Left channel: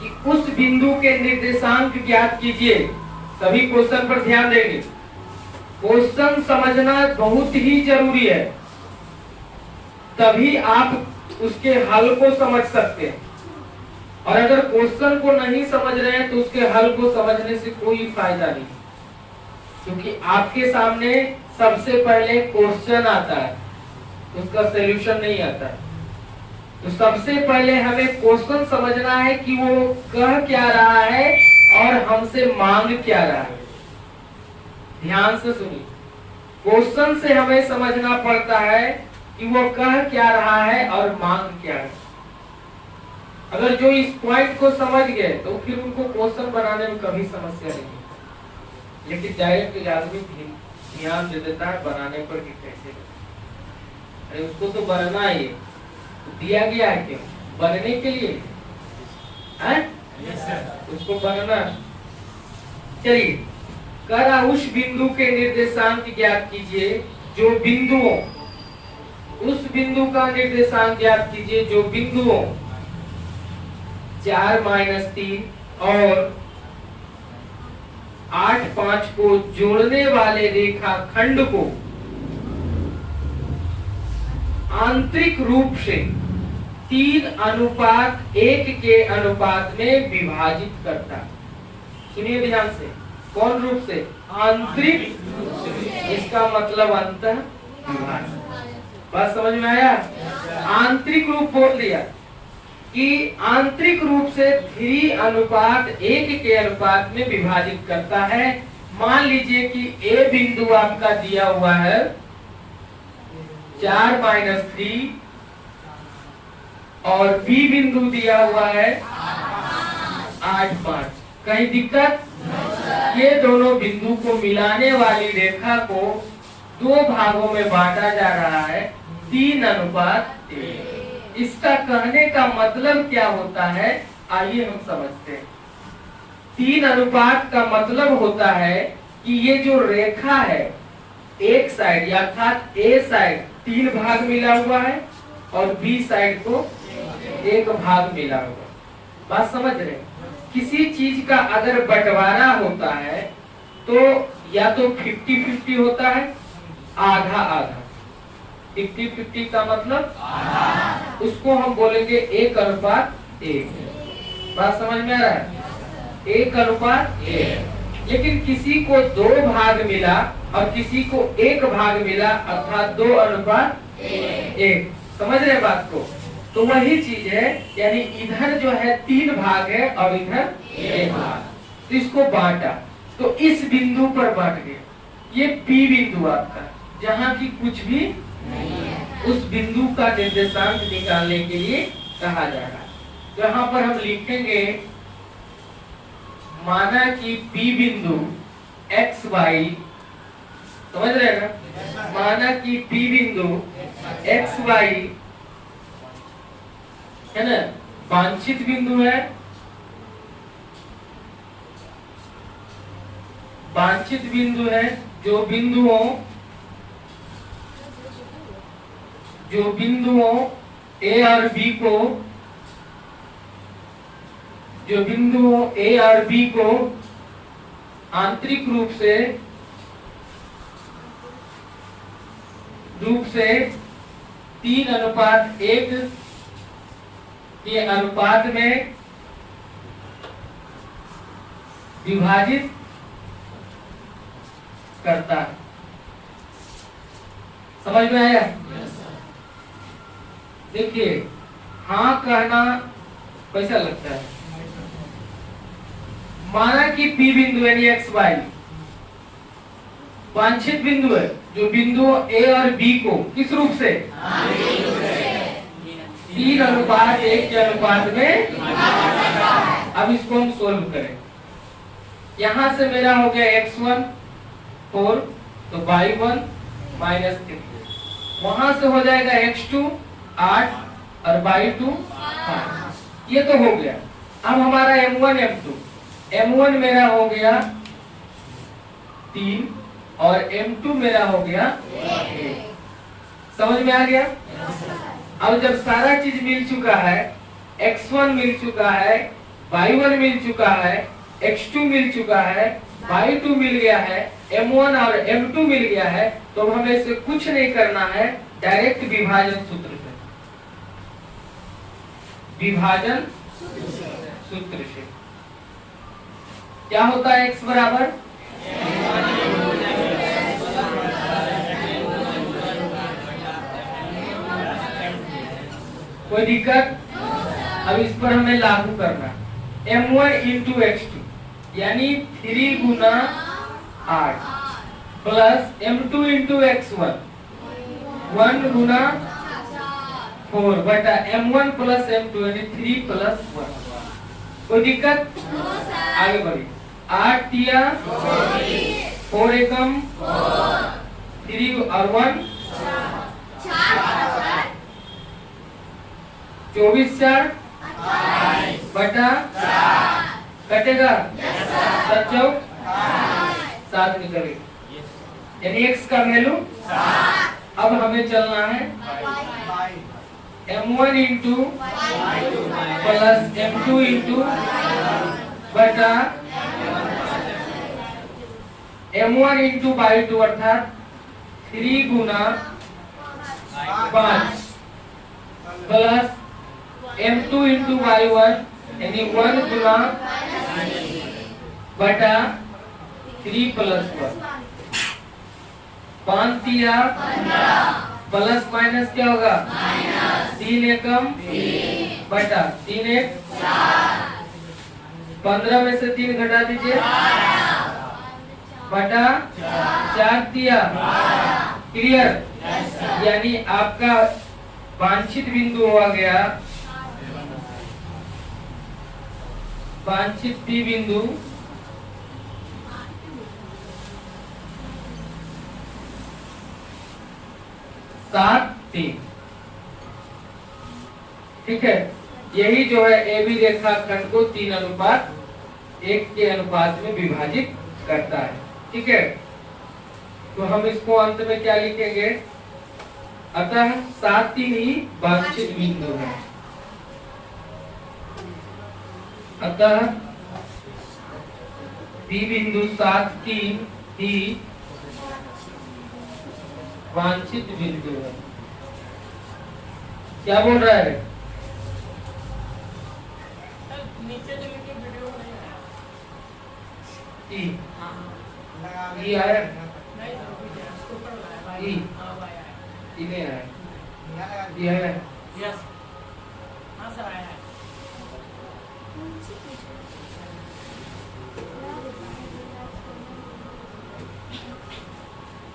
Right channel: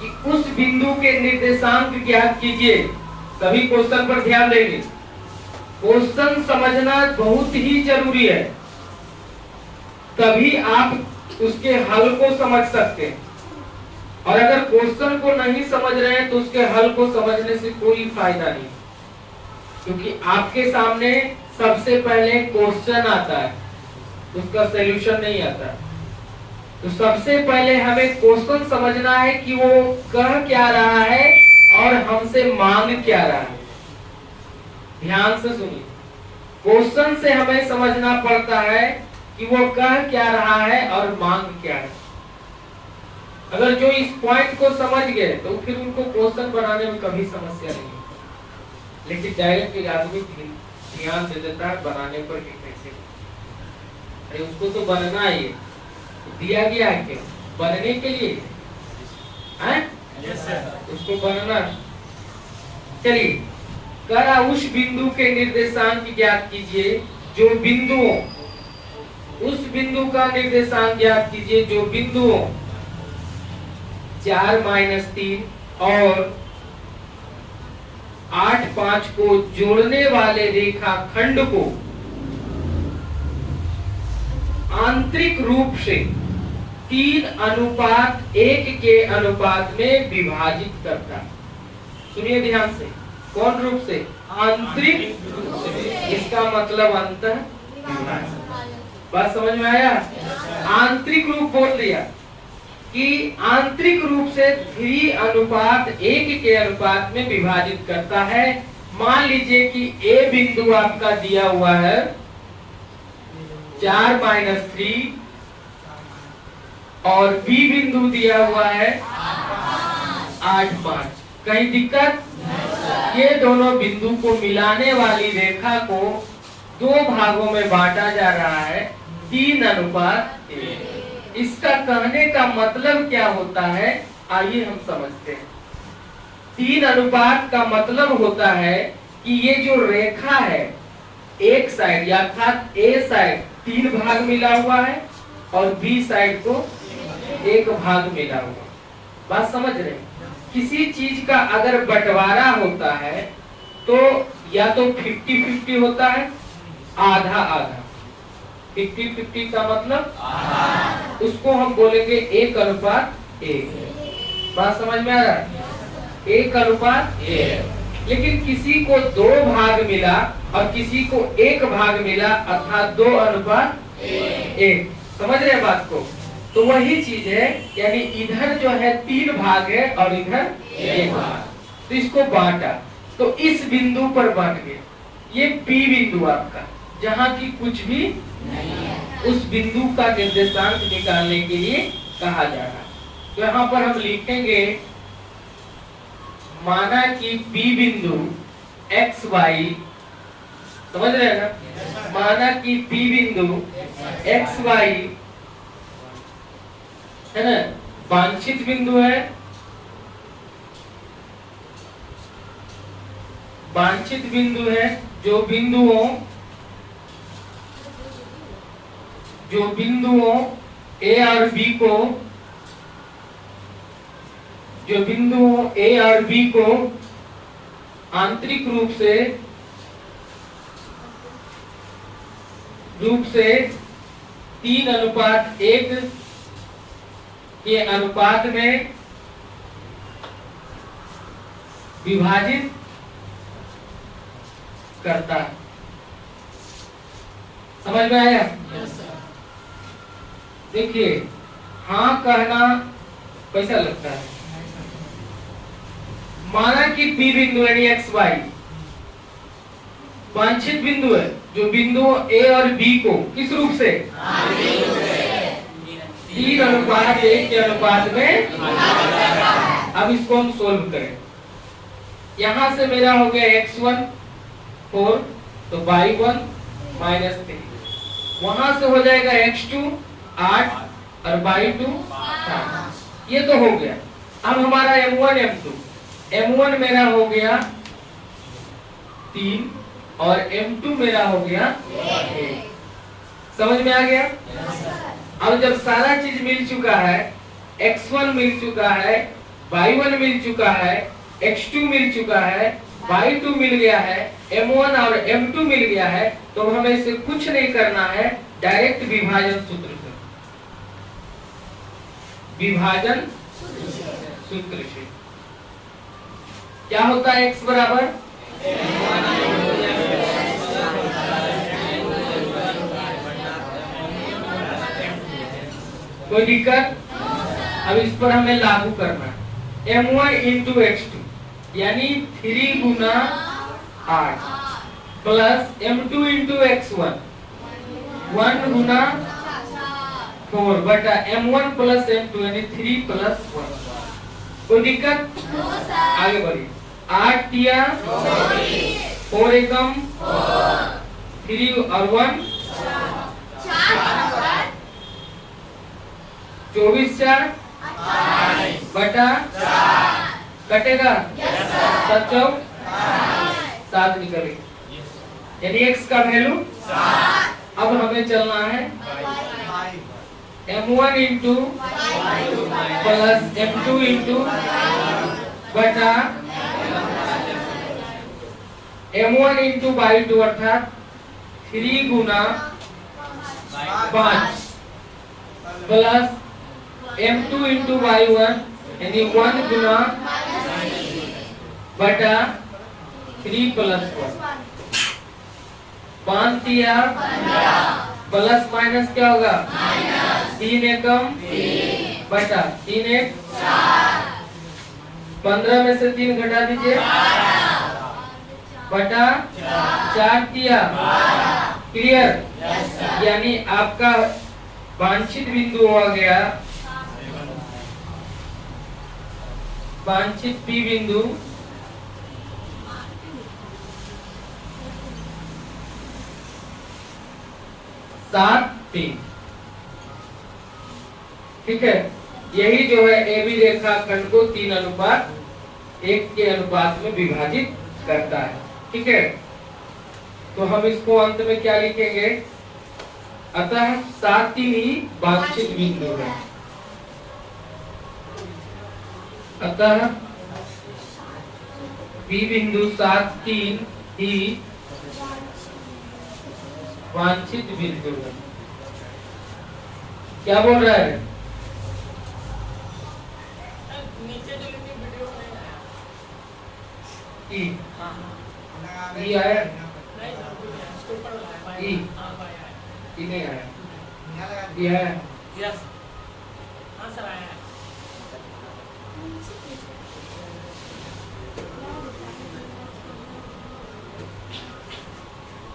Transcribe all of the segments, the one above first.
कि उस बिंदु के निर्देशांक ज्ञात कीजिए। सभी क्वेश्चन पर ध्यान देंगे। क्वेश्चन समझना बहुत ही जरूरी है, तभी आप उसके हल को समझ सकते हैं। और अगर क्वेश्चन को नहीं समझ रहे हैं तो उसके हल को समझने से कोई फायदा नहीं, क्योंकि आपके सामने सबसे पहले क्वेश्चन आता है, उसका सॉल्यूशन नहीं आता है। तो सबसे पहले हमें क्वेश्चन समझना है कि वो कह क्या रहा है और हमसे मांग क्या रहा है। ध्यान से सुनिए, क्वेश्चन से हमें समझना पड़ता है कि वो कह क्या रहा है और मांग क्या है। अगर जो इस पॉइंट को समझ गए तो फिर उनको क्वेश्चन बनाने में कभी समस्या नहीं। लेकिन डायरेक्ट आदमी ध्यान दे देता है बनाने पर कि कैसे, अरे उसको तो बनना ही है, तो दिया गया है क्या बनने के लिए है? उसको बनना। चलिए, करा उस बिंदु के निर्देशांक ज्ञात कीजिए जो बिंदुओं, उस बिंदु का निर्देशांक ज्ञात कीजिए जो बिंदुओं 4 - 3 और 8 5 को जोड़ने वाले रेखाखंड को आंतरिक रूप से 3:1 के अनुपात में विभाजित करता है। सुनिए ध्यान से, कौन रूप से? आंतरिक रूप से। इसका मतलब अंतः विभाजन। बात समझ में आया? आंतरिक रूप बोल दिया कि आंतरिक रूप से 3:1 के अनुपात में विभाजित करता है। मान लीजिए कि ए बिंदु आपका दिया हुआ है 4 - 3 और बी बिंदु दिया हुआ है 8 5। कहीं दिक्कत? ये दोनों बिंदु को मिलाने वाली रेखा को 2 भागों में बांटा जा रहा है 3:1। इसका कहने का मतलब क्या होता है, आइए हम समझते हैं। 3:1 का मतलब होता है कि ये जो रेखा है, एक साइड अर्थात ए साइड 3 भाग मिला हुआ है और बी साइड को 1 भाग मिला हुआ। बात समझ रहे हैं? किसी चीज का अगर बंटवारा होता है तो या तो 50-50 होता है, आधा आधा। 50-50 का मतलब उसको हम बोलेंगे 1:1। बात समझ में आ रहा है? 1:1। लेकिन किसी को 2 भाग मिला और किसी को 1 भाग मिला, अर्थात 2:1। समझ रहे बात को? तो वही चीज है, यानी इधर जो है 3 भाग है और इधर 1 भाग। तो इसको बांटा, तो इस बिंदु पर बांट गया। ये पी बिंदु आपका, जहाँ की कुछ भी नहीं है, उस बिंदु का निर्देशांक निकालने के लिए कहा जा रहा। तो यहाँ पर हम लिखेंगे, माना कि पी बिंदु XY, समझ रहे हैं ना? माना कि पी बिंदु XY है ना, वांछित बिंदु है। वांछित बिंदु है जो बिंदुओं A और B को, जो बिंदुओं A और B को आंतरिक रूप से 3:1 के अनुपात में विभाजित करता है। समझ में आया? देखिए, हाँ कहना कैसा लगता है। माना कि P बिंदु यानी XY वांछित बिंदु है, जो बिंदु A और B को किस रूप से? 3:1 के अनुपात में। अब इसको हम सोल्व करें। यहां से मेरा हो गया x1 4, तो y1 -3। वहां से हो जाएगा x2 8 और y2 5। ये तो हो गया। अब हमारा m1 m2, m1 मेरा हो गया 3 और m2 मेरा हो गया 1। समझ में आ गया? अब जब सारा चीज मिल चुका है, x1 मिल चुका है, y1 मिल चुका है, x2 मिल चुका है, y2 मिल गया है, m1 और m2 मिल गया है, तो हमें इसे कुछ नहीं करना है, डायरेक्ट विभाजन सूत्र से, विभाजन सूत्र से क्या होता है x बराबर कोई दिक्कत? अब इस पर हमें लागू करना है m1 इंटू x2 यानी 3 गुना 8 प्लस m2 इंटू x1 1 गुना 4 बटा m1 प्लस m2 यानी 3 प्लस 1। कोई दिक्कत? आगे बढ़िए। 8 दिया 4 एकम 3 और 1 24 4 बटा कटेगा 7 चौक 7 निकले यानी x का वैल्यू 7। अब हमें चलना है m1 into plus m2 into बटा m1 इंटू y2 अर्थात 3 गुना 5 प्लस m2 इंटू y1 यानी 1 गुना बटा 3 प्लस 1 5 दिया प्लस माइनस क्या होगा 3 एकम बटा 3 एक 15 में से 3 घटा दीजिए बटा 4 दिया क्लियर यानी आपका वांछित बिंदु हो गया वांछित P बिंदु सात 3। ठीक है, यही जो है ए बी रेखाखंड को 3:1 के अनुपात में विभाजित करता है। ठीक है, तो हम इसको अंत में क्या लिखेंगे? अतः 7 3 ही वांछित बिंदु है। अतः बी बिंदु 7 3 ही वांछित बिंदु है। क्या बोल रहा है? ई आया ई नहीं आया ई आया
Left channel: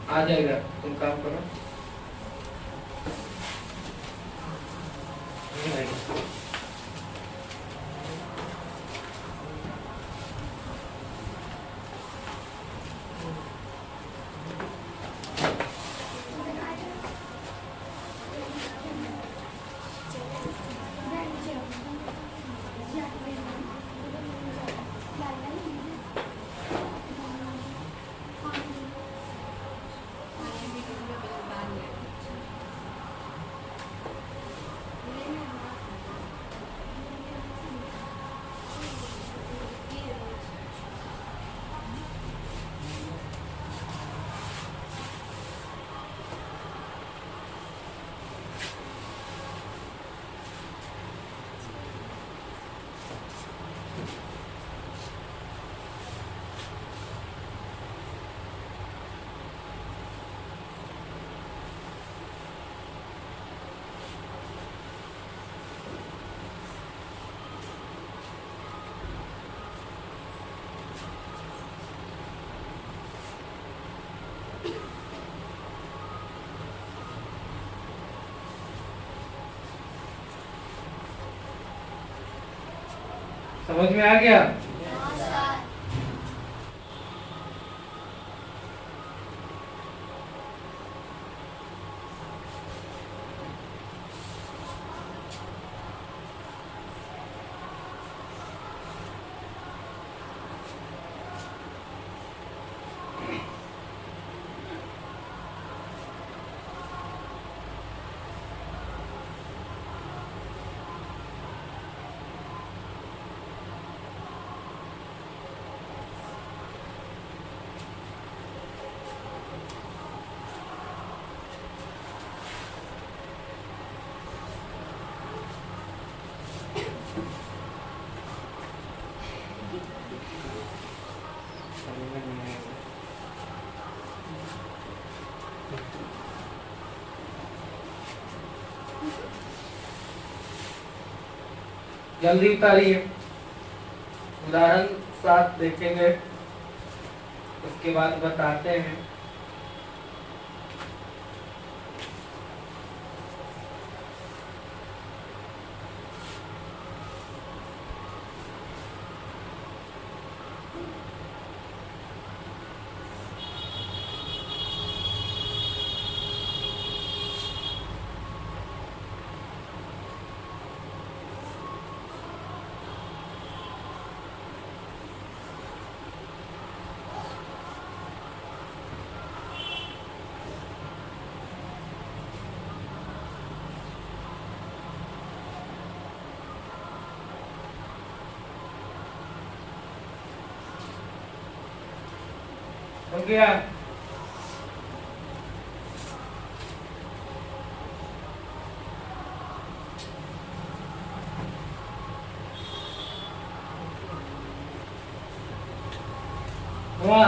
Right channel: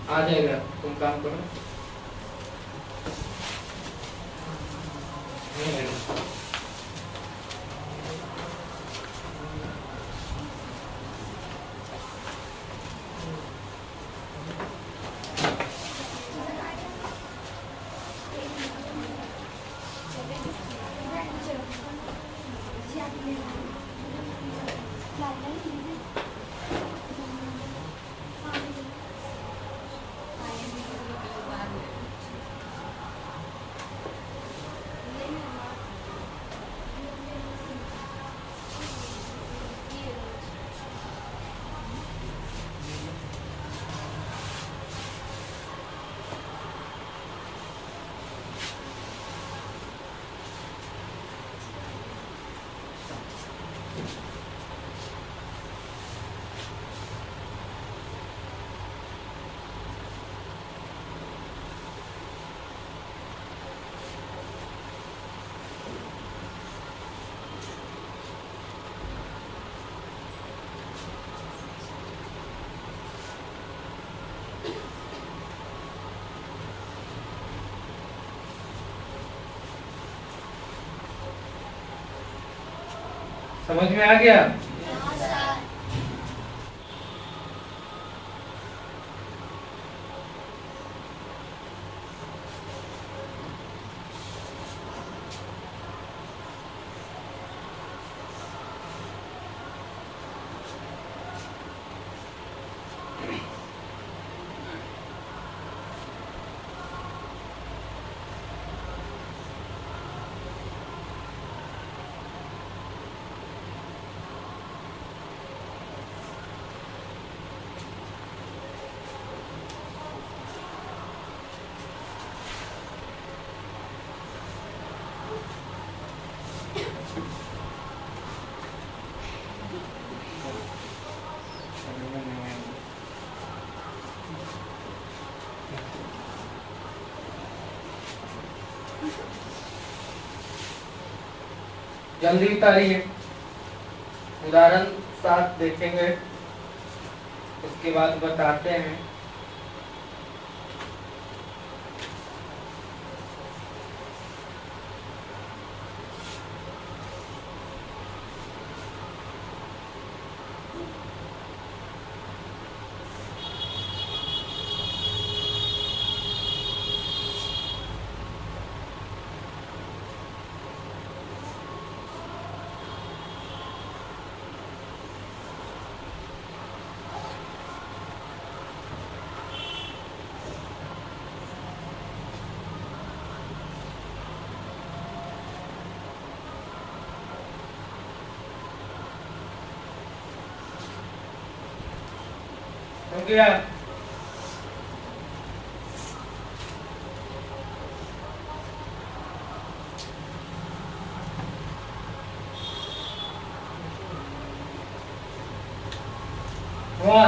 आ जाएगा, तुम काम करो। समझ में आ गया? जल्दी उतारिए। उदाहरण 7 देखेंगे, उसके बाद बताते हैं। हो गया? हुआ?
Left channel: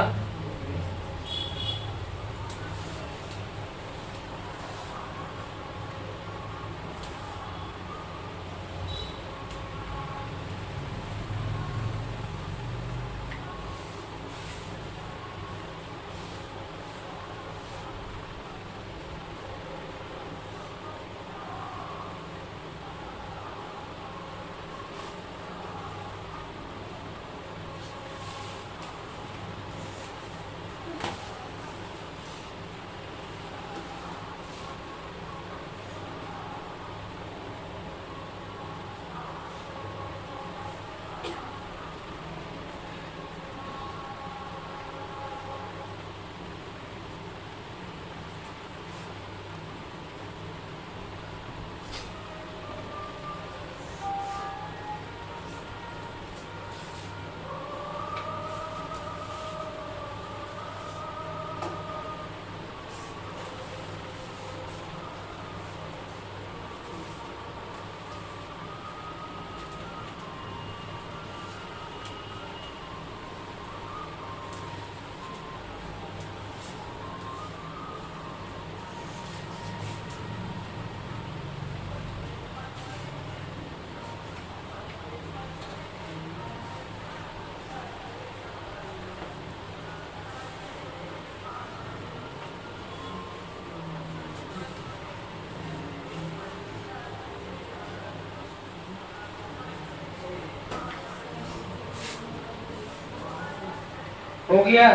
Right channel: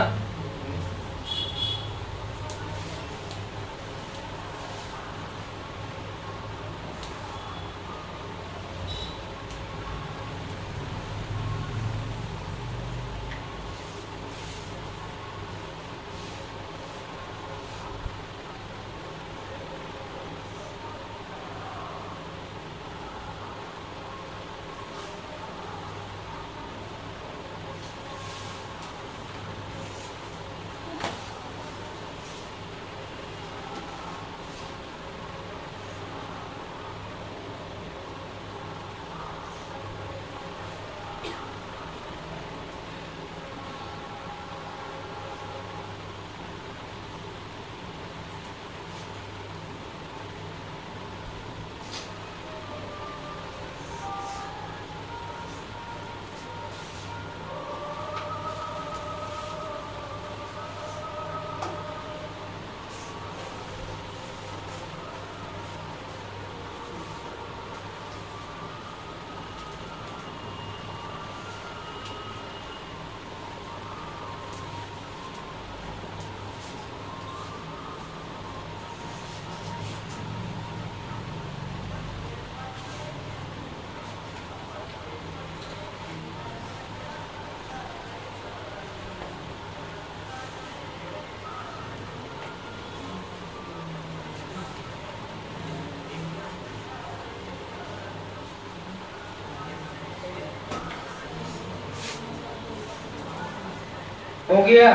हो गया?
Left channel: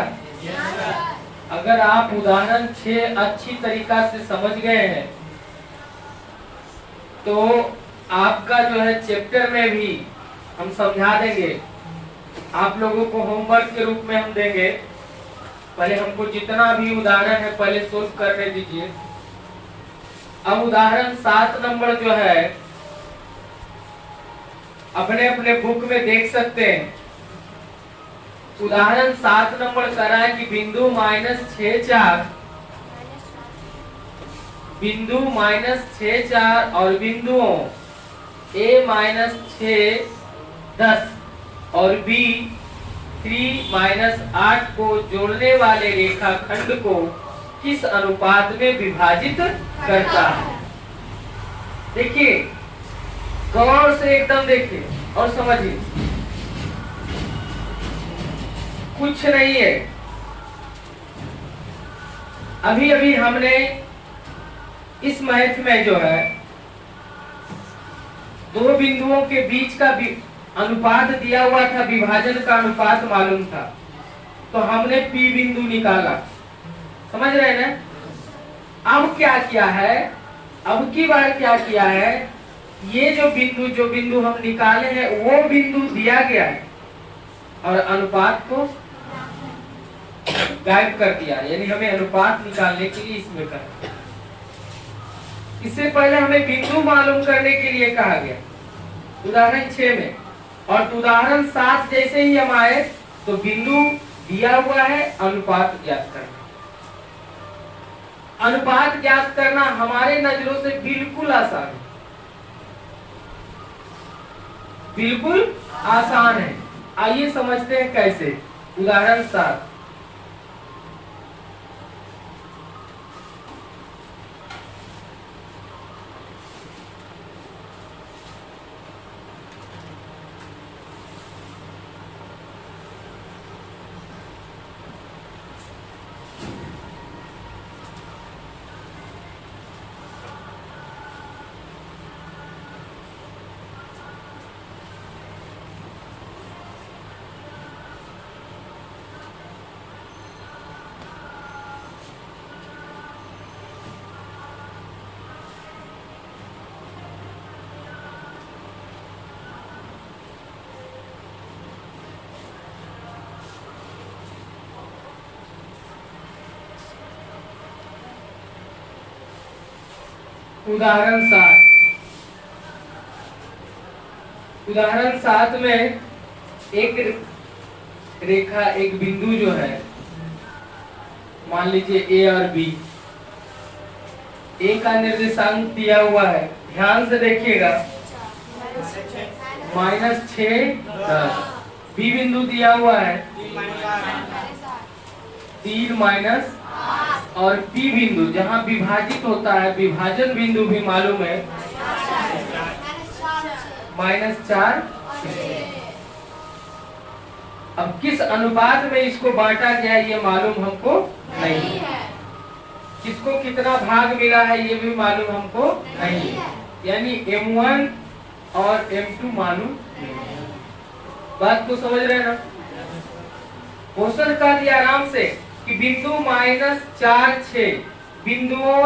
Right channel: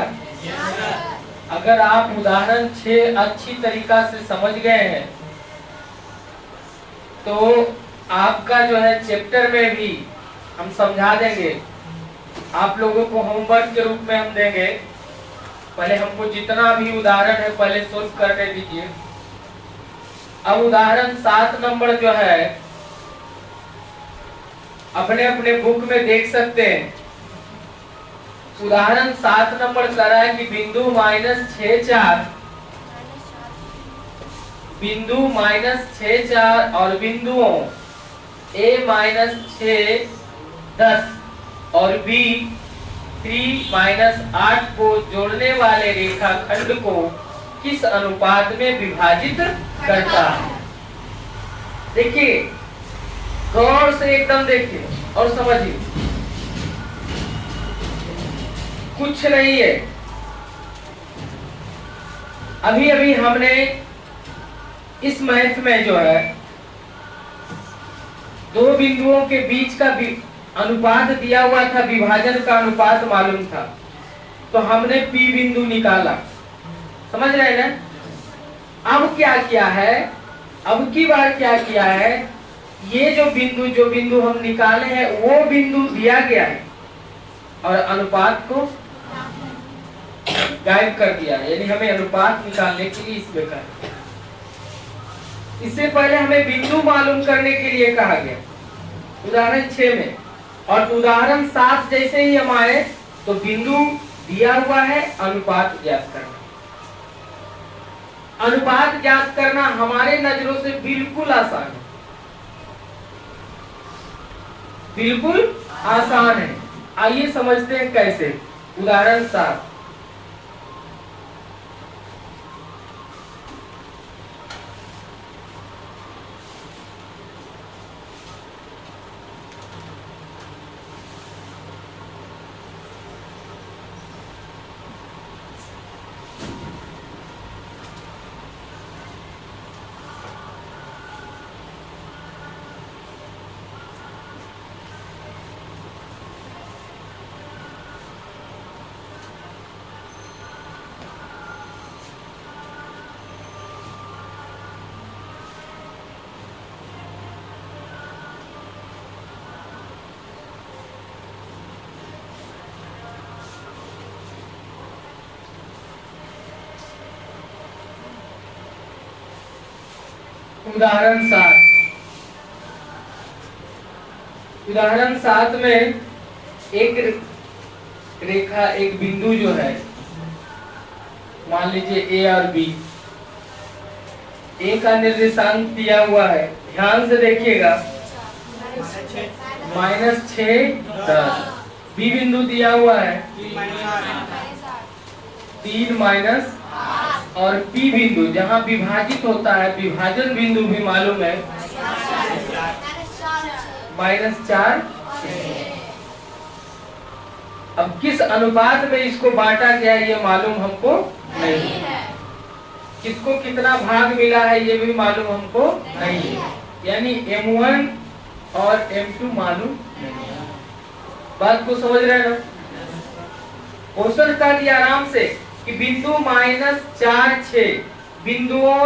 अगर आप उदाहरण 6 अच्छी तरीका से समझ गए हैं तो आपका जो है चैप्टर में भी हम समझा देंगे। आप लोगों को होमवर्क के रूप में हम देंगे। पहले हमको जितना भी उदाहरण है पहले सोल्व करने दीजिए। अब उदाहरण 7 नंबर जो है अपने अपने बुक में देख सकते हैं। उदाहरण 7 नंबर कह रहा है कि बिंदु -6 4 और बिंदुओं A-6 10 और B 3-8 को जोड़ने वाले रेखाखंड को किस अनुपात में विभाजित करता है। देखिए, गौर से एकदम देखिए और समझिए, कुछ नहीं है। अभी अभी हमने इस मैथ में जो है दो बिंदुओं के बीच का अनुपात दिया हुआ था, विभाजन का अनुपात मालूम था, तो हमने P बिंदु निकाला। समझ रहे हैं ना? अब क्या किया है, अब की बार क्या किया है, ये जो बिंदु हम निकाले हैं वो बिंदु दिया गया है और अनुपात को गायब कर दिया, यानी हमें अनुपात निकालने के लिए इसमें कर। इससे पहले हमें बिंदु मालूम करने के लिए कहा गया उदाहरण 6 में, और उदाहरण 7 जैसे ही हम आए तो बिंदु दिया हुआ है, अनुपात ज्ञात करना। अनुपात ज्ञात करना हमारे नजरों से बिल्कुल आसान है, बिल्कुल आसान है। आइए समझते हैं कैसे। उदाहरण 7, उदाहरण 7 में एक रेखा, एक बिंदु जो है, मान लीजिए ए और बी, ए का निर्देशांक दिया हुआ है, ध्यान से देखिएगा, -6, 10। बी बिंदु दिया हुआ है 3 और पी बिंदु जहाँ विभाजित होता है, विभाजन बिंदु भी मालूम है, -4। अब किस अनुपात में इसको बांटा गया ये मालूम हमको नहीं है। किसको कितना भाग मिला है ये भी मालूम हमको नहीं है। यानी M1 और M2 मालूम नहीं है। बात को समझ रहे हैं ना? क्वेश्चन कर दिया आराम से कि बिंदु -4, 6 बिंदुओं,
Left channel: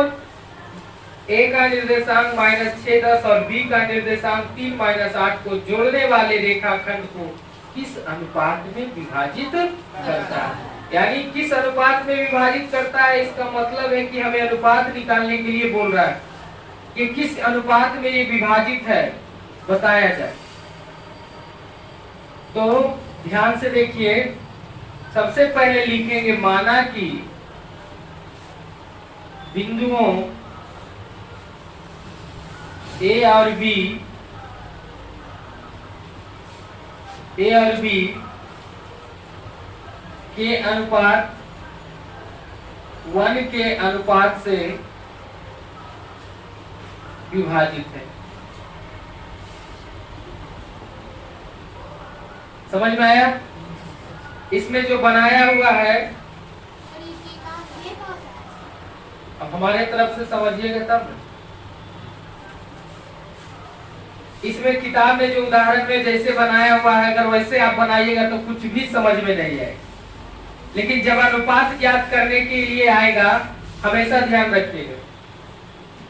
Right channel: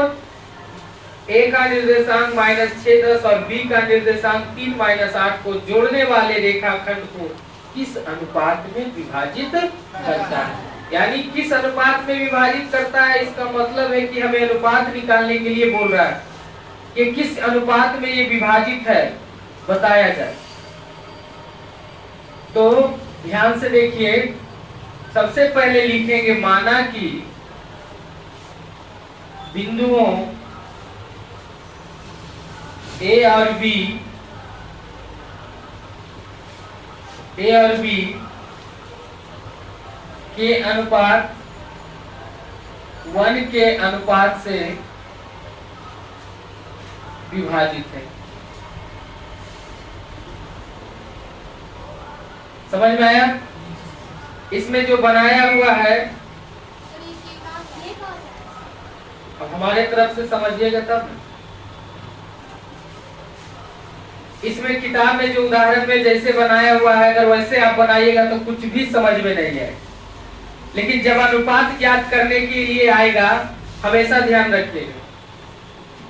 ए का निर्देशांक -6, 10 और बी का निर्देशांक 3, -8 को जोड़ने वाले रेखाखंड को किस अनुपात में विभाजित करता है। यानी किस अनुपात में विभाजित करता है, इसका मतलब है कि हमें अनुपात निकालने के लिए बोल रहा है कि किस अनुपात में ये विभाजित है, बताया जाए। तो ध्यान से देखिए, सबसे पहले लिखेंगे माना कि बिंदुओं ए और बी के अनुपात 1 के अनुपात से विभाजित है। समझ में आया? इसमें जो बनाया हुआ है, अब हमारे तरफ से समझिएगा तब। इसमें किताब में जो उदाहरण में जैसे बनाया हुआ है, अगर वैसे आप बनाइएगा तो कुछ भी समझ में नहीं आए। लेकिन जब अनुपात ज्ञात करने के लिए आएगा, हमेशा ध्यान रखिएगा,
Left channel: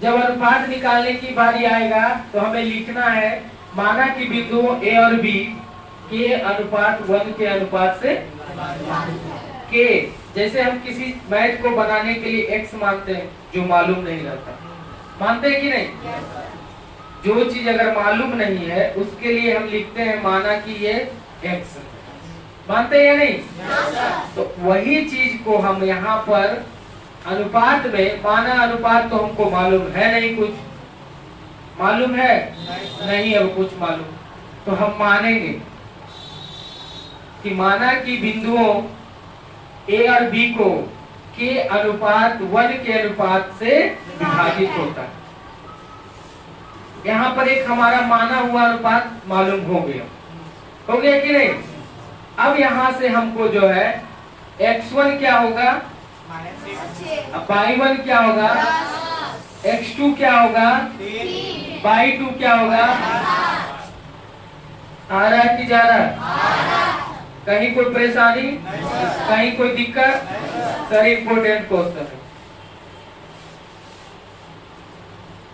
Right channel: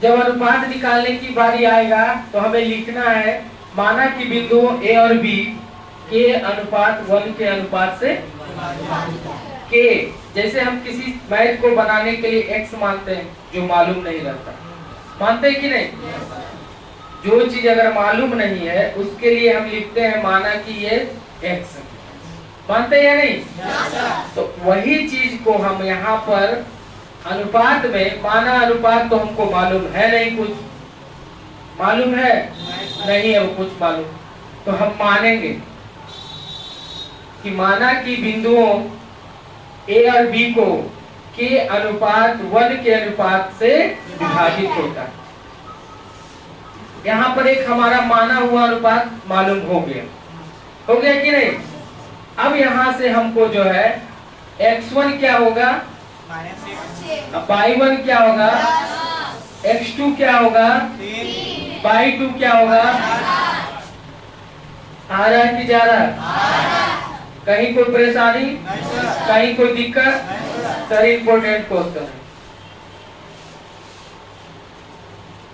जब अनुपात निकालने की बारी आएगा तो हमें लिखना है माना कि बिंदुओं ए और बी के अनुपात 1 के अनुपात से के, जैसे हम किसी मैथ को बनाने के लिए एक्स मानते हैं जो मालूम नहीं रहता, मानते हैं कि नहीं? जो चीज अगर मालूम नहीं है उसके लिए हम लिखते हैं माना कि ये एक्स, मानते हैं या नहीं? तो वही चीज को हम यहाँ पर अनुपात में, माना अनुपात तो हमको मालूम है नहीं, कुछ मालूम है नहीं है, वो कुछ मालूम, तो हम मानेंगे कि माना कि बिंदुओं ए और बी को के अनुपात 1 के अनुपात से विभाजित होता है। यहाँ पर एक हमारा माना हुआ अनुपात मालूम हो गया कि नहीं? अब यहाँ से हमको जो है x1 क्या होगा, y1 क्या होगा, x2 क्या होगा, y2 क्या होगा, आ रहा है कि जा रहा है? कहीं कोई परेशानी, कहीं कोई दिक्कत? सर इम्पोर्टेंट क्वेश्चन है,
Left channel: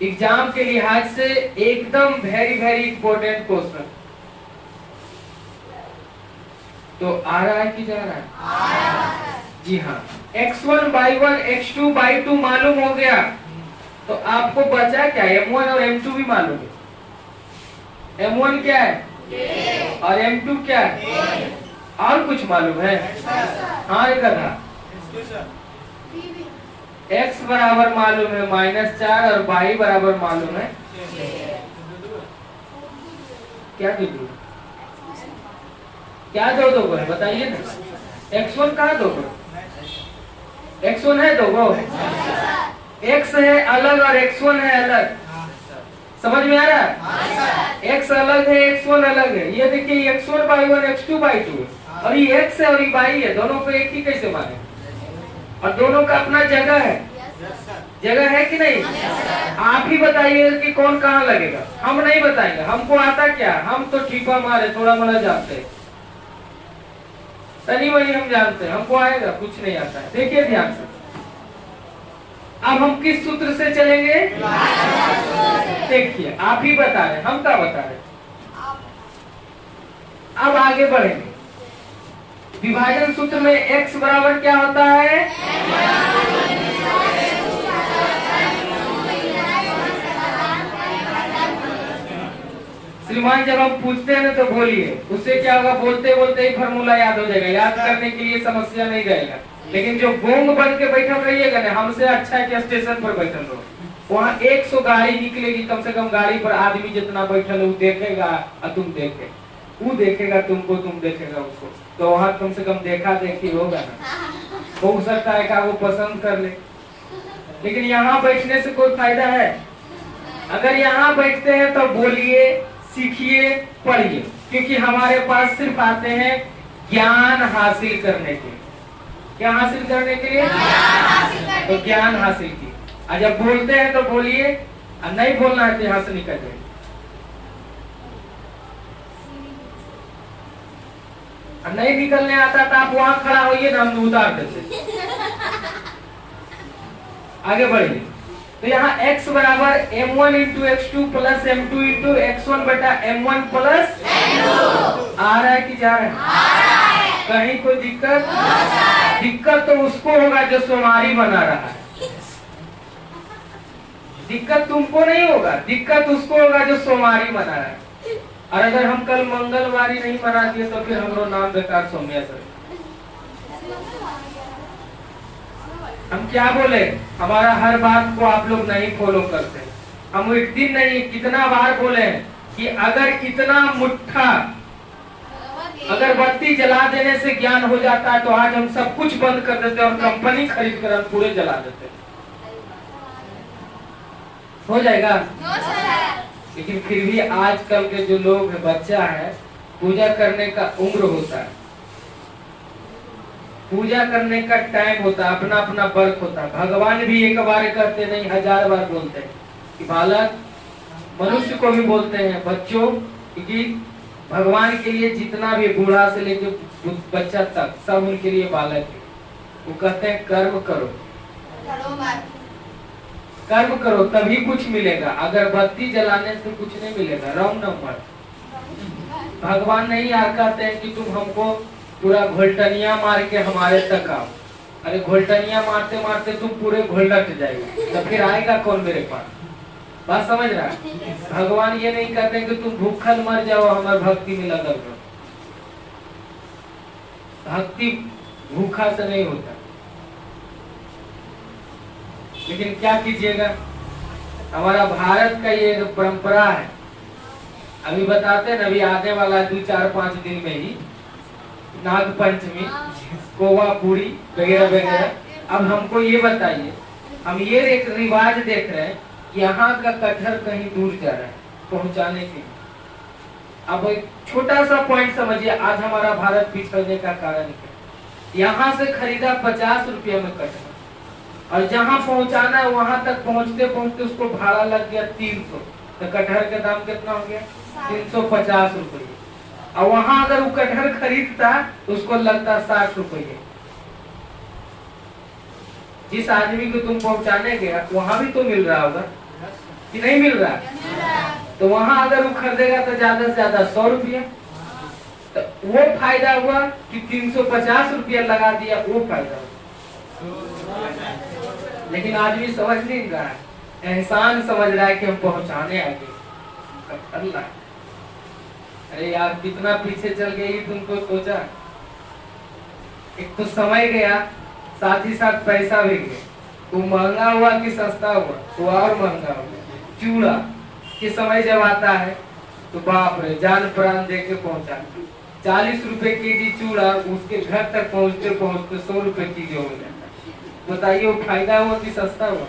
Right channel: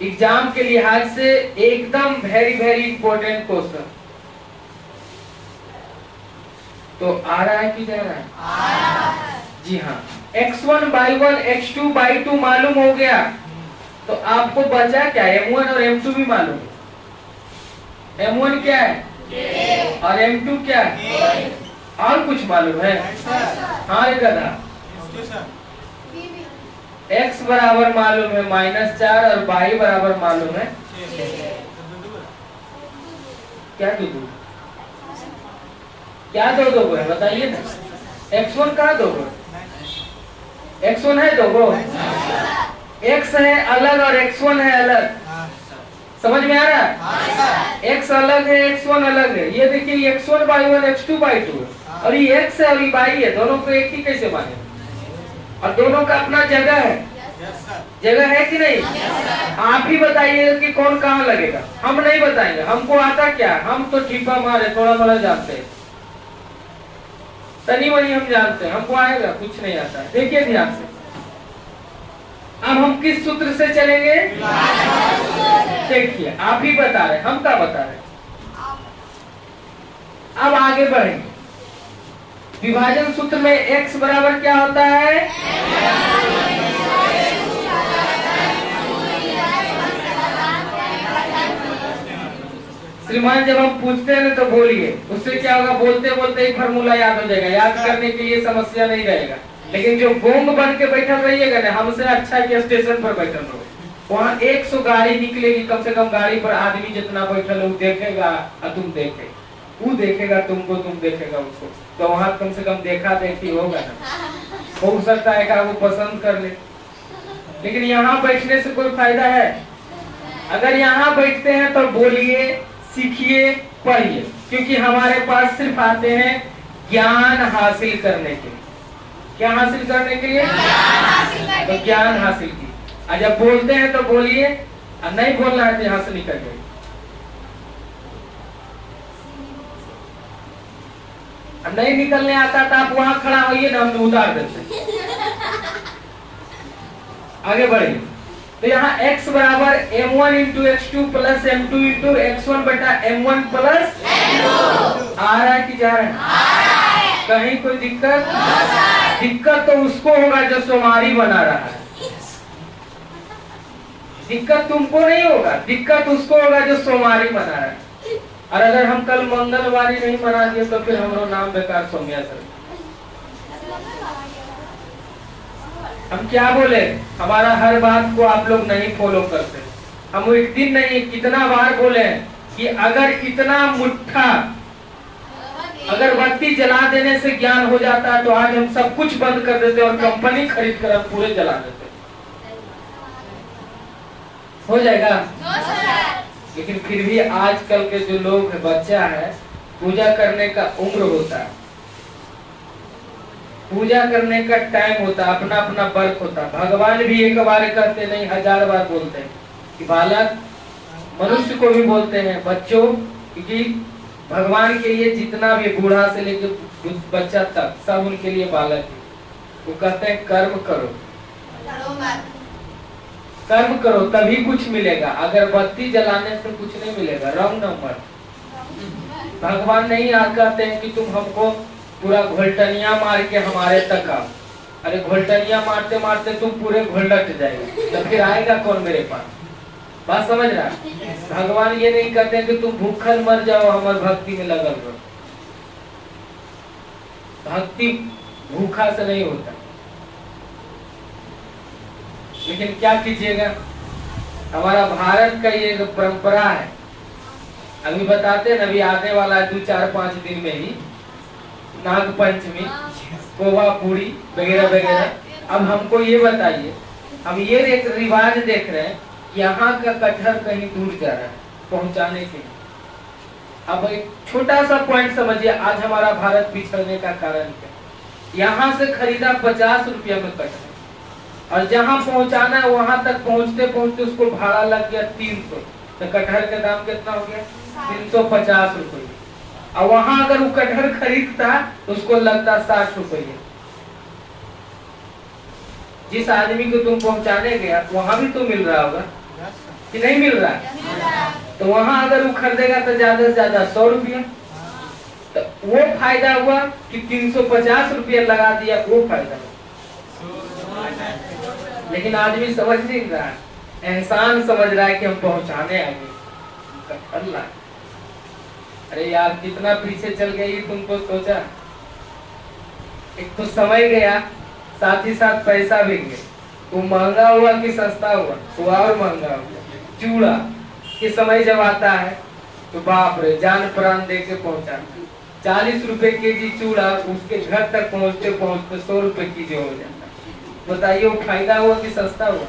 एग्जाम के लिहाज से एकदम वेरी इम्पोर्टेंट क्वेश्चन। तो आ रहा है कि जा रहा है? आ रहा है। जी हाँ, x1 y1 x2 y2 मालूम हो गया, तो आपको बचा क्या? m1 और m2 भी मालूम है। m1 क्या है और m2 क्या है? और कुछ मालूम है? हाँ एक गधा। x बराबर मालूम है -4 और y बराबर मालूम है क्या? क्या दो है बताइए ना। x1 कहाँ दो? x1 है दो, x है अलग और x1 है अलग, समझ में आ रहा है? x अलग है, x1 अलग है। ये देखिए x1 y1 x2 y2 और ये x है और ये y है, दोनों को एक ही कैसे माने? और दोनों का अपना जगह है, जगह है कि नहीं? आप ही बताइए कि कौन कहाँ लगेगा। हम नहीं बताएंगे, हमको आता क्या? हम तो ठीपा मारे थोड़ा मोड़ा जानते हैं, तनी मनी हम जानते हैं, हमको आएगा कुछ नहीं आता है। देखिए ध्यान से, अब हम किस सूत्र से चलेंगे? देखिए आप ही बता रहे, हम क्या बता रहे। अब आगे बढ़ेंगे। विभाजन सूत्र में x बराबर क्या होता है? श्रीमान जब हम पूछते हैं ना तो बोलिए, उससे क्या होगा, बोलते बोलते ही फॉर्मूला याद हो जाएगा, याद करने के लिए समस्या नहीं रहेगा। लेकिन जो गोंग बन के बैठल रहिएगा ना, हमसे अच्छा है कि स्टेशन पर बैठल रहो, वहाँ 100 गाड़ी निकलेगी, कम से कम गाड़ी पर आदमी जितना बैठल हो देखेगा और तुम देखे, वो देखेगा तुमको, तुम देखेगा उसको, तो वहाँ कम से कम देखा देखी होगा ना। हो सकता है कि वो पसंद कर ले, लेकिन यहाँ बैठने से कोई फायदा है? अगर यहाँ बैठते हैं तो बोलिए, सीखिए, पढ़िए, क्योंकि हमारे पास सिर्फ आते हैं ज्ञान हासिल करने के। क्या हासिल करने के लिए? तो ज्ञान हासिल की। और जब बोलते हैं तो बोलिए, और नहीं बोलना है तो यहाँ से निकल जाइए। नहीं निकलने आता तो आप वहां खड़ा होइए ना, हम उतार देते। आगे बढ़िए। तो यहाँ x बराबर m1 into x2 plus m2 into x1 बटा m1 प्लस आ रहा है कि जा रहा है? कहीं कोई दिक्कत? दिक्कत तो उसको होगा जो सोमारी बना रहा है, दिक्कत तुमको नहीं होगा, दिक्कत उसको होगा जो सोमारी बना रहा है। और अगर हम कल मंगलवारी नहीं बना दिए तो फिर हमारा नाम बेकार सोमिया सर। हम क्या बोले, हमारा हर बात को आप लोग नहीं फॉलो करते। हम एक दिन नहीं कितना बार बोले कि अगर इतना मुट्ठा अगरबत्ती जला देने से ज्ञान हो जाता है तो आज हम सब कुछ बंद कर देते और कंपनी खरीद कर पूरे जला देते। हो जाएगा? लेकिन फिर भी आजकल के जो लोग बच्चा है, पूजा करने का उम्र होता है, पूजा करने का टाइम होता है, अपना अपना वर्क होता है। भगवान भी एक बार कहते नहीं, 1000 बार बोलते हैं कि बालक, मनुष्य को भी बोलते हैं बच्चों, क्योंकि भगवान के लिए जितना भी बूढ़ा से लेके बच्चा तक सब उनके लिए बालक है। वो कहते हैं कर्म करो, कर्म करो तभी कुछ मिलेगा, अगरबत्ती जलाने से कुछ नहीं मिलेगा। Wrong number. भगवान नहीं कहते हैं कि तुम हमको पूरा घोलटनिया मार के हमारे तक आओ। अरे घोलटनिया मारते मारते तुम पूरे घोलट जाएगा तो फिर आएगा कौन मेरे पास? बात समझ रहा? भगवान ये नहीं कहते हैं कि तुम भूखल मर जाओ, हमारे भक्ति में लगल रहो। भक्ति भूखा से नहीं होता। लेकिन क्या कीजिएगा, हमारा भारत का ये एक परंपरा है, अभी बताते हैं, अभी आने वाला है 2-4-5 दिन में ही नाग पंचमी, कोवा पूरी वगैरह वगैरह। अब हमको ये बताइए, हम ये एक रिवाज देख रहे हैं, यहाँ का कटहर कहीं दूर जा रहा है पहुंचाने के लिए। अब एक छोटा सा पॉइंट समझिए, आज हमारा भारत पिछड़ने का कारण है। यहाँ से खरीदा 50 रुपया में कटहर, और जहाँ पहुंचाना है वहां तक पहुंचते पहुंचते उसको भाड़ा लग गया 300, तो कटहर का दाम कितना हो गया? 350 रुपये। और वहां अगर वो कटहर खरीदता तो उसको लगता 60 रुपये। जिस आदमी को तुम पहुंचाने गया वहां भी तो मिल रहा होगा कि नहीं मिल रहा? तो वहां अगर वो खरीदेगा तो ज्यादा से ज्यादा 100 रुपया, तो वो फायदा हुआ कि 350 रुपया लगा दिया, वो फायदा हुआ। लेकिन आदमी समझ नहीं रहा है, एहसान समझ रहा है कि हम पहुंचाने आगे। अल्लाह, अरे यार कितना पीछे चल गई तुमको सोचा? एक तो समय गया, साथ ही साथ पैसा भी गया। वो महंगा हुआ कि सस्ता हुआ? वो और महंगा हुआ। चूड़ा के समय जब आता है तो बाप रे, जान प्राण दे के पहुंचा। 40 रुपए केजी चूड़ा उसके घर तक पहुंचते पहुंचते 100 रुपए केजी हो जाता। बताइए वो फायदा हुआ कि सस्ता हुआ?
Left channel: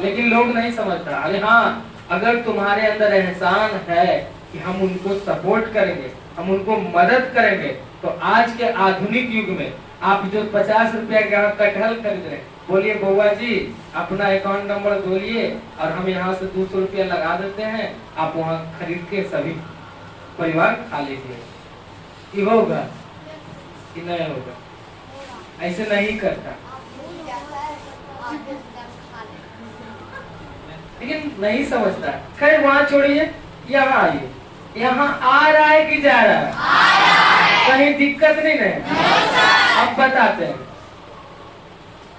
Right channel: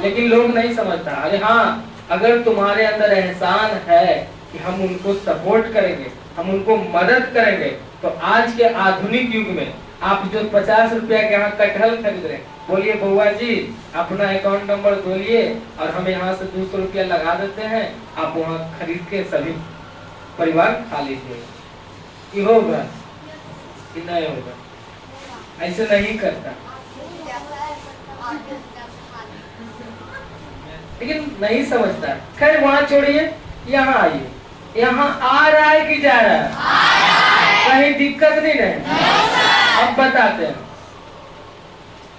लेकिन लोग नहीं समझता। अरे हाँ, अगर तुम्हारे अंदर एहसान है कि हम उनको सपोर्ट करेंगे, हम उनको मदद करेंगे, तो आज के आधुनिक युग में आप जो 50 रुपया के यहाँ कटहल खरीद रहे, बोलिए बउआ जी अपना अकाउंट नंबर बोलिए और हम यहाँ से 200 रुपया लगा देते हैं, आप वहाँ खरीद के सभी परिवार खा लीजिए। कि होगा कि नहीं होगा? ऐसे नहीं करता, लेकिन नहीं समझता। खैर वहाँ छोड़िए, यहाँ आइए। यहाँ आ रहा है कि जा रहा है? कहीं दिक्कत नहीं है? अब बताते हैं।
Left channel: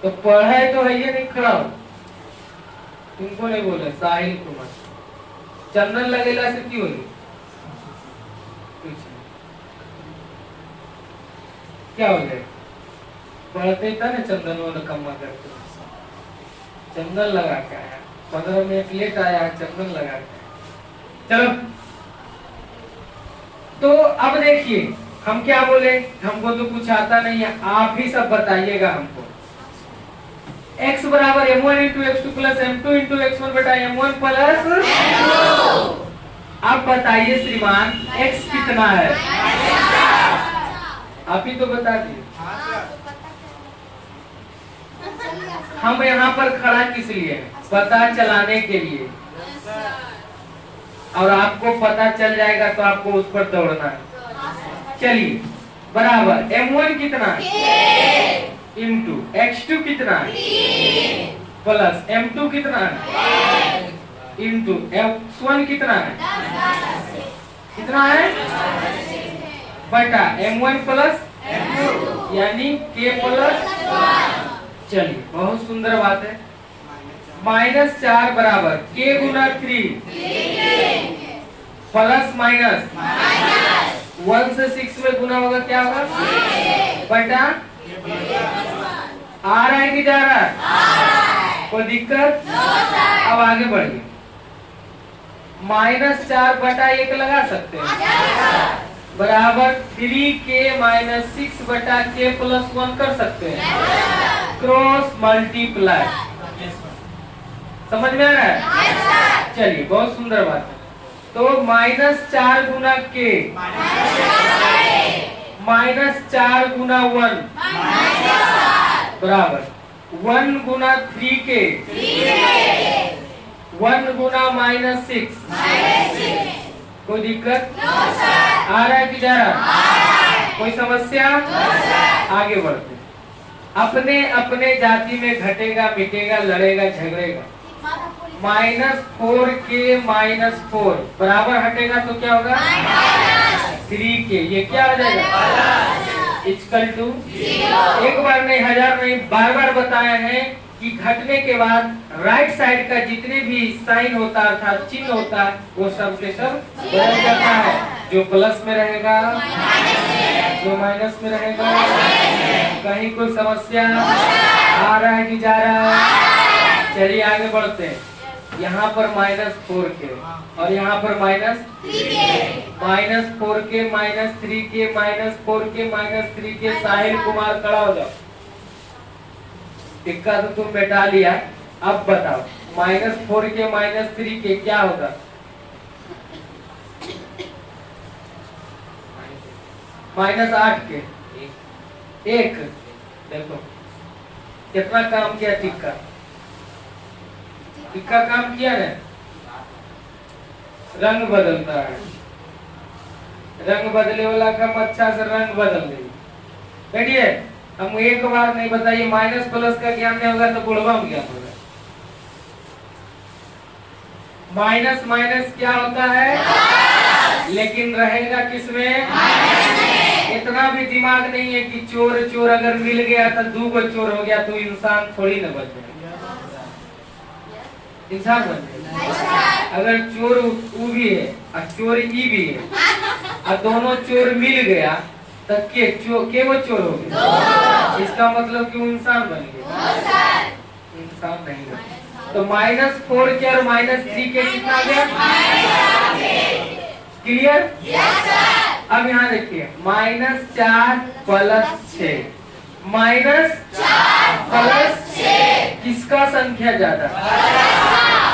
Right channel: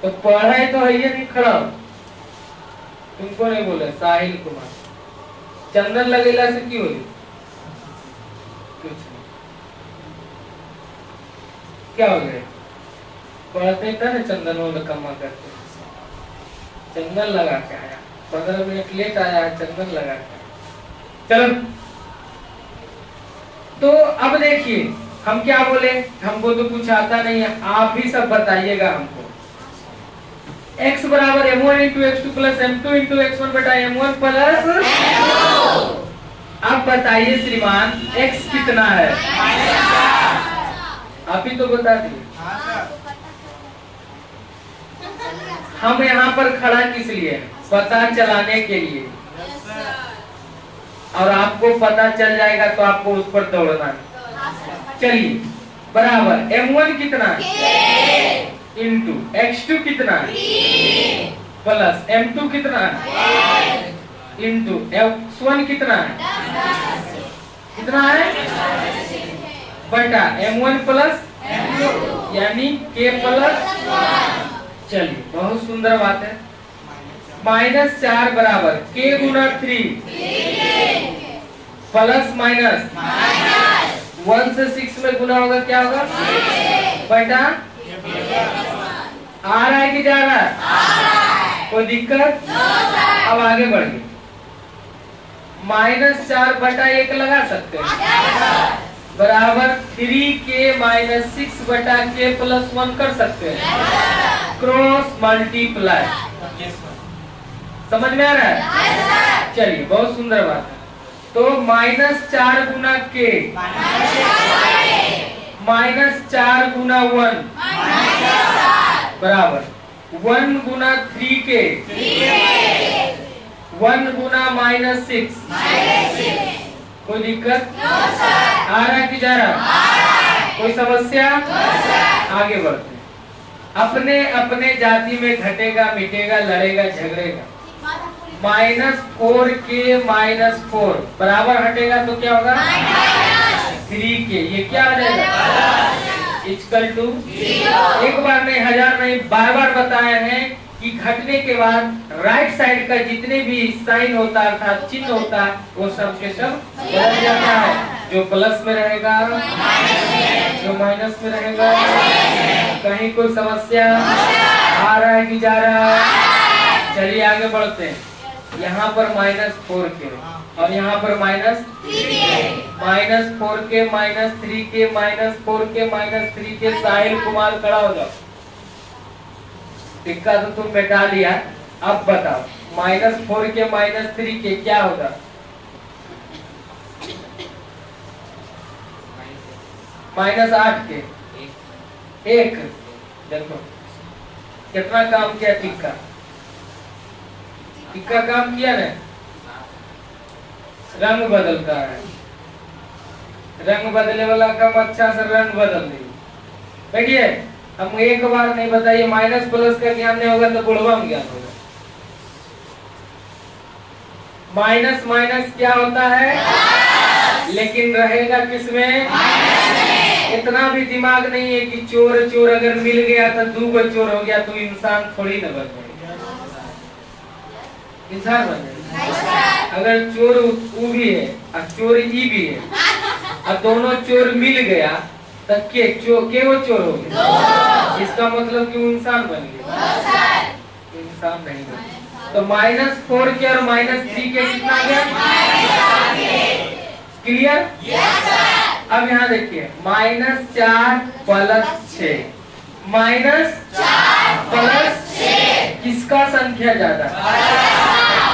तो पढ़ाई तो है ये नहीं, खड़ा हो। तुमको नहीं बोले साहिल कुमार, चंदन लगेला से की होगी? कुछ नहीं। क्या हो गया? पढ़ते था ना चंदन वो नकम्मा करते, चंदन लगा के आया, 15 मिनट लेट आया, चंदन लगा के आया। चलो तो अब देखिए हम क्या बोले, हमको तो कुछ आता नहीं है, आप ही सब बताइएगा हमको। x बराबर m1 into x2 plus m2 into x1 बटा m1 प्लस m2। अब बताइए श्रीमान x कितना है? आप ही तो बता दिए। हम यहाँ पर खड़ा किस लिए? पता चलाने के लिए। और आपको पता चल जाएगा तो आपको उस पर दौड़ना है। चलिए बराबर m1 कितना है इंटू x2 कितना है प्लस m2 कितना है इंटू x1 कितना है बटा m1 प्लस m2 यानी k प्लस। चलिए बहुत सुंदर बात है। -4 बराबर k गुना 3 प्लस माइनस 1 से 6 में गुना होगा क्या होगा बटा। आ रहा है कि जा रहा है? कोई दिक्कत? अब आगे बढ़िए। -4 बटा 1 लगा सकते हैं बराबर 3k माइनस 6 बटा k प्लस 1 कर सकते हैं। Cross multiply. समझ में आ रहा है? चलिए बहुत सुंदर बात है। तो -4 गुना k -4 गुना 1 बराबर 1 गुना 3k 1 गुना -6। कोई दिक्कत? आ रहा है कि जा रहा है? कोई समस्या? आगे बढ़ते। अपने अपने जाति में घटेगा मिटेगा लड़ेगा झगड़ेगा। -4k -4 बराबर हटेगा तो क्या होगा 3k। ये क्या हो जाएगा इक्वल टू। एक बार नहीं हजार नहीं बार बार बताए हैं कि घटने के बाद राइट साइड का जितने भी साइन होता है अर्थात चिन्ह होता है वो सब के सब बदल जाता है। जो प्लस में रहेगा जो माइनस में रहेगा। कहीं कोई समस्या? आ रहा है कि जा रहा है? चलिए आगे बढ़ते हैं। यहाँ पर -4k और यहाँ पर -3k -4k -3k -4k -3k। Sahil Kumar खड़ा हो जाओ। टिक्का तो तुम बैठा लिया। अब बताओ -4k -3k क्या होगा? -8k 1। देखो कितना काम किया टिक्का। टिक्का काम किया ना। रंग बदलता है। रंग बदलने वाला काम अच्छा से रंग बदल दे। बैठिए हम एक बार नहीं बताइए। माइनस प्लस का ज्ञान नहीं होगा तो बुढ़वा में ज्ञान होगा। माइनस माइनस क्या होता है लेकिन रहेगा किसमें? इतना भी दिमाग नहीं है कि चोर चोर अगर मिल गया तो 2 चोर हो गया तो इंसान थोड़ी न बन जाएगा। इंसान बन जाएगा। अगर चोर ऊ भी है और चोर ई भी है और दोनों चोर मिल गया तो के वो चोर हो गया। इसका मतलब कि इंसान बन गया। इंसान नहीं बन। तो -4k और -3k कितना गया? क्लियर? अब यहाँ देखिए -4 प्लस 6 -4 प्लस 6 किसका संख्या ज्यादा?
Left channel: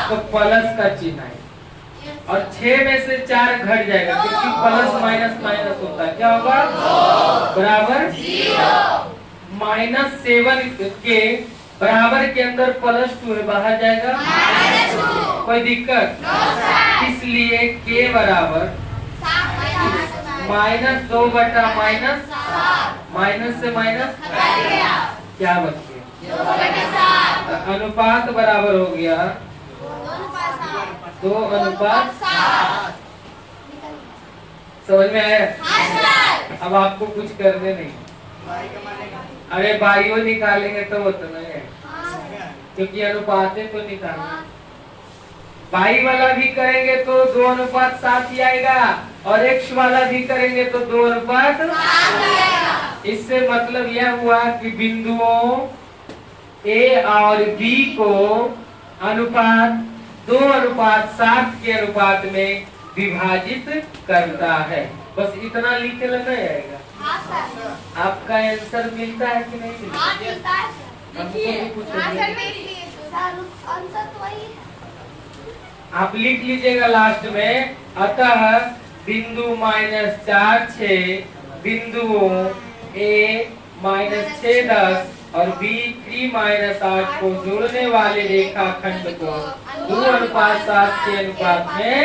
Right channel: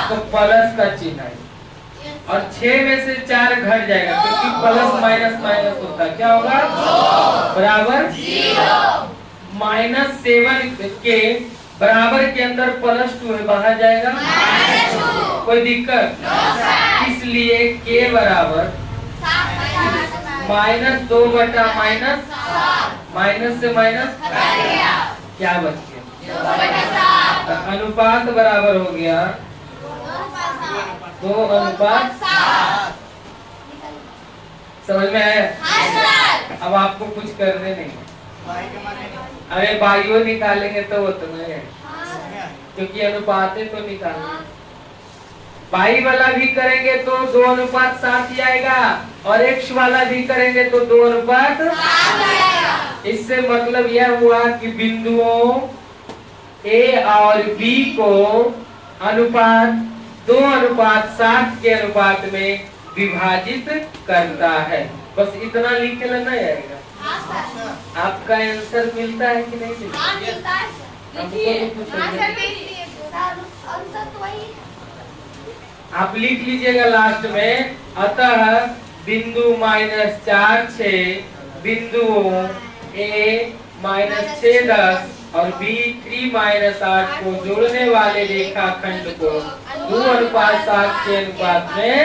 तो प्लस का चिन्ह है और 6 में से 4 घट जाएगा क्योंकि प्लस माइनस माइनस होता है। क्या होगा? बराबर 0। -7 के बराबर के अंदर +2 है बाहर जाएगा। कोई दिक्कत? इसलिए k बराबर -2 बटा माइनस से माइनस क्या बच गया? अनुपात बराबर हो गया 2:7। समझ में आया? अब आपको कुछ करने नहीं। अरे बाइयो निकालेंगे तो वो तो नहीं है क्योंकि अनुपात है तो निकालेंगे। पाई वाला भी करेंगे तो 2:7 ही आएगा, और एक्स वाला भी करेंगे तो 2:7 आएगा। इससे मतलब यह हुआ कि बिंदुओं ए और बी को अनुपात 2:7 के अनुपात में विभाजित करता है। बस इतना लिख के लेना आएगा। हाँ सर। आपका आंसर मिलता है कि नहीं मिलता? हाँ मिलता है सर। आप लिख लीजिएगा लास्ट में, अतः बिंदु -4 6 बिंदुओं A -6 10 और B 3-8 को जोड़ने वाले रेखाखंड को 2:7 के अनुपात में,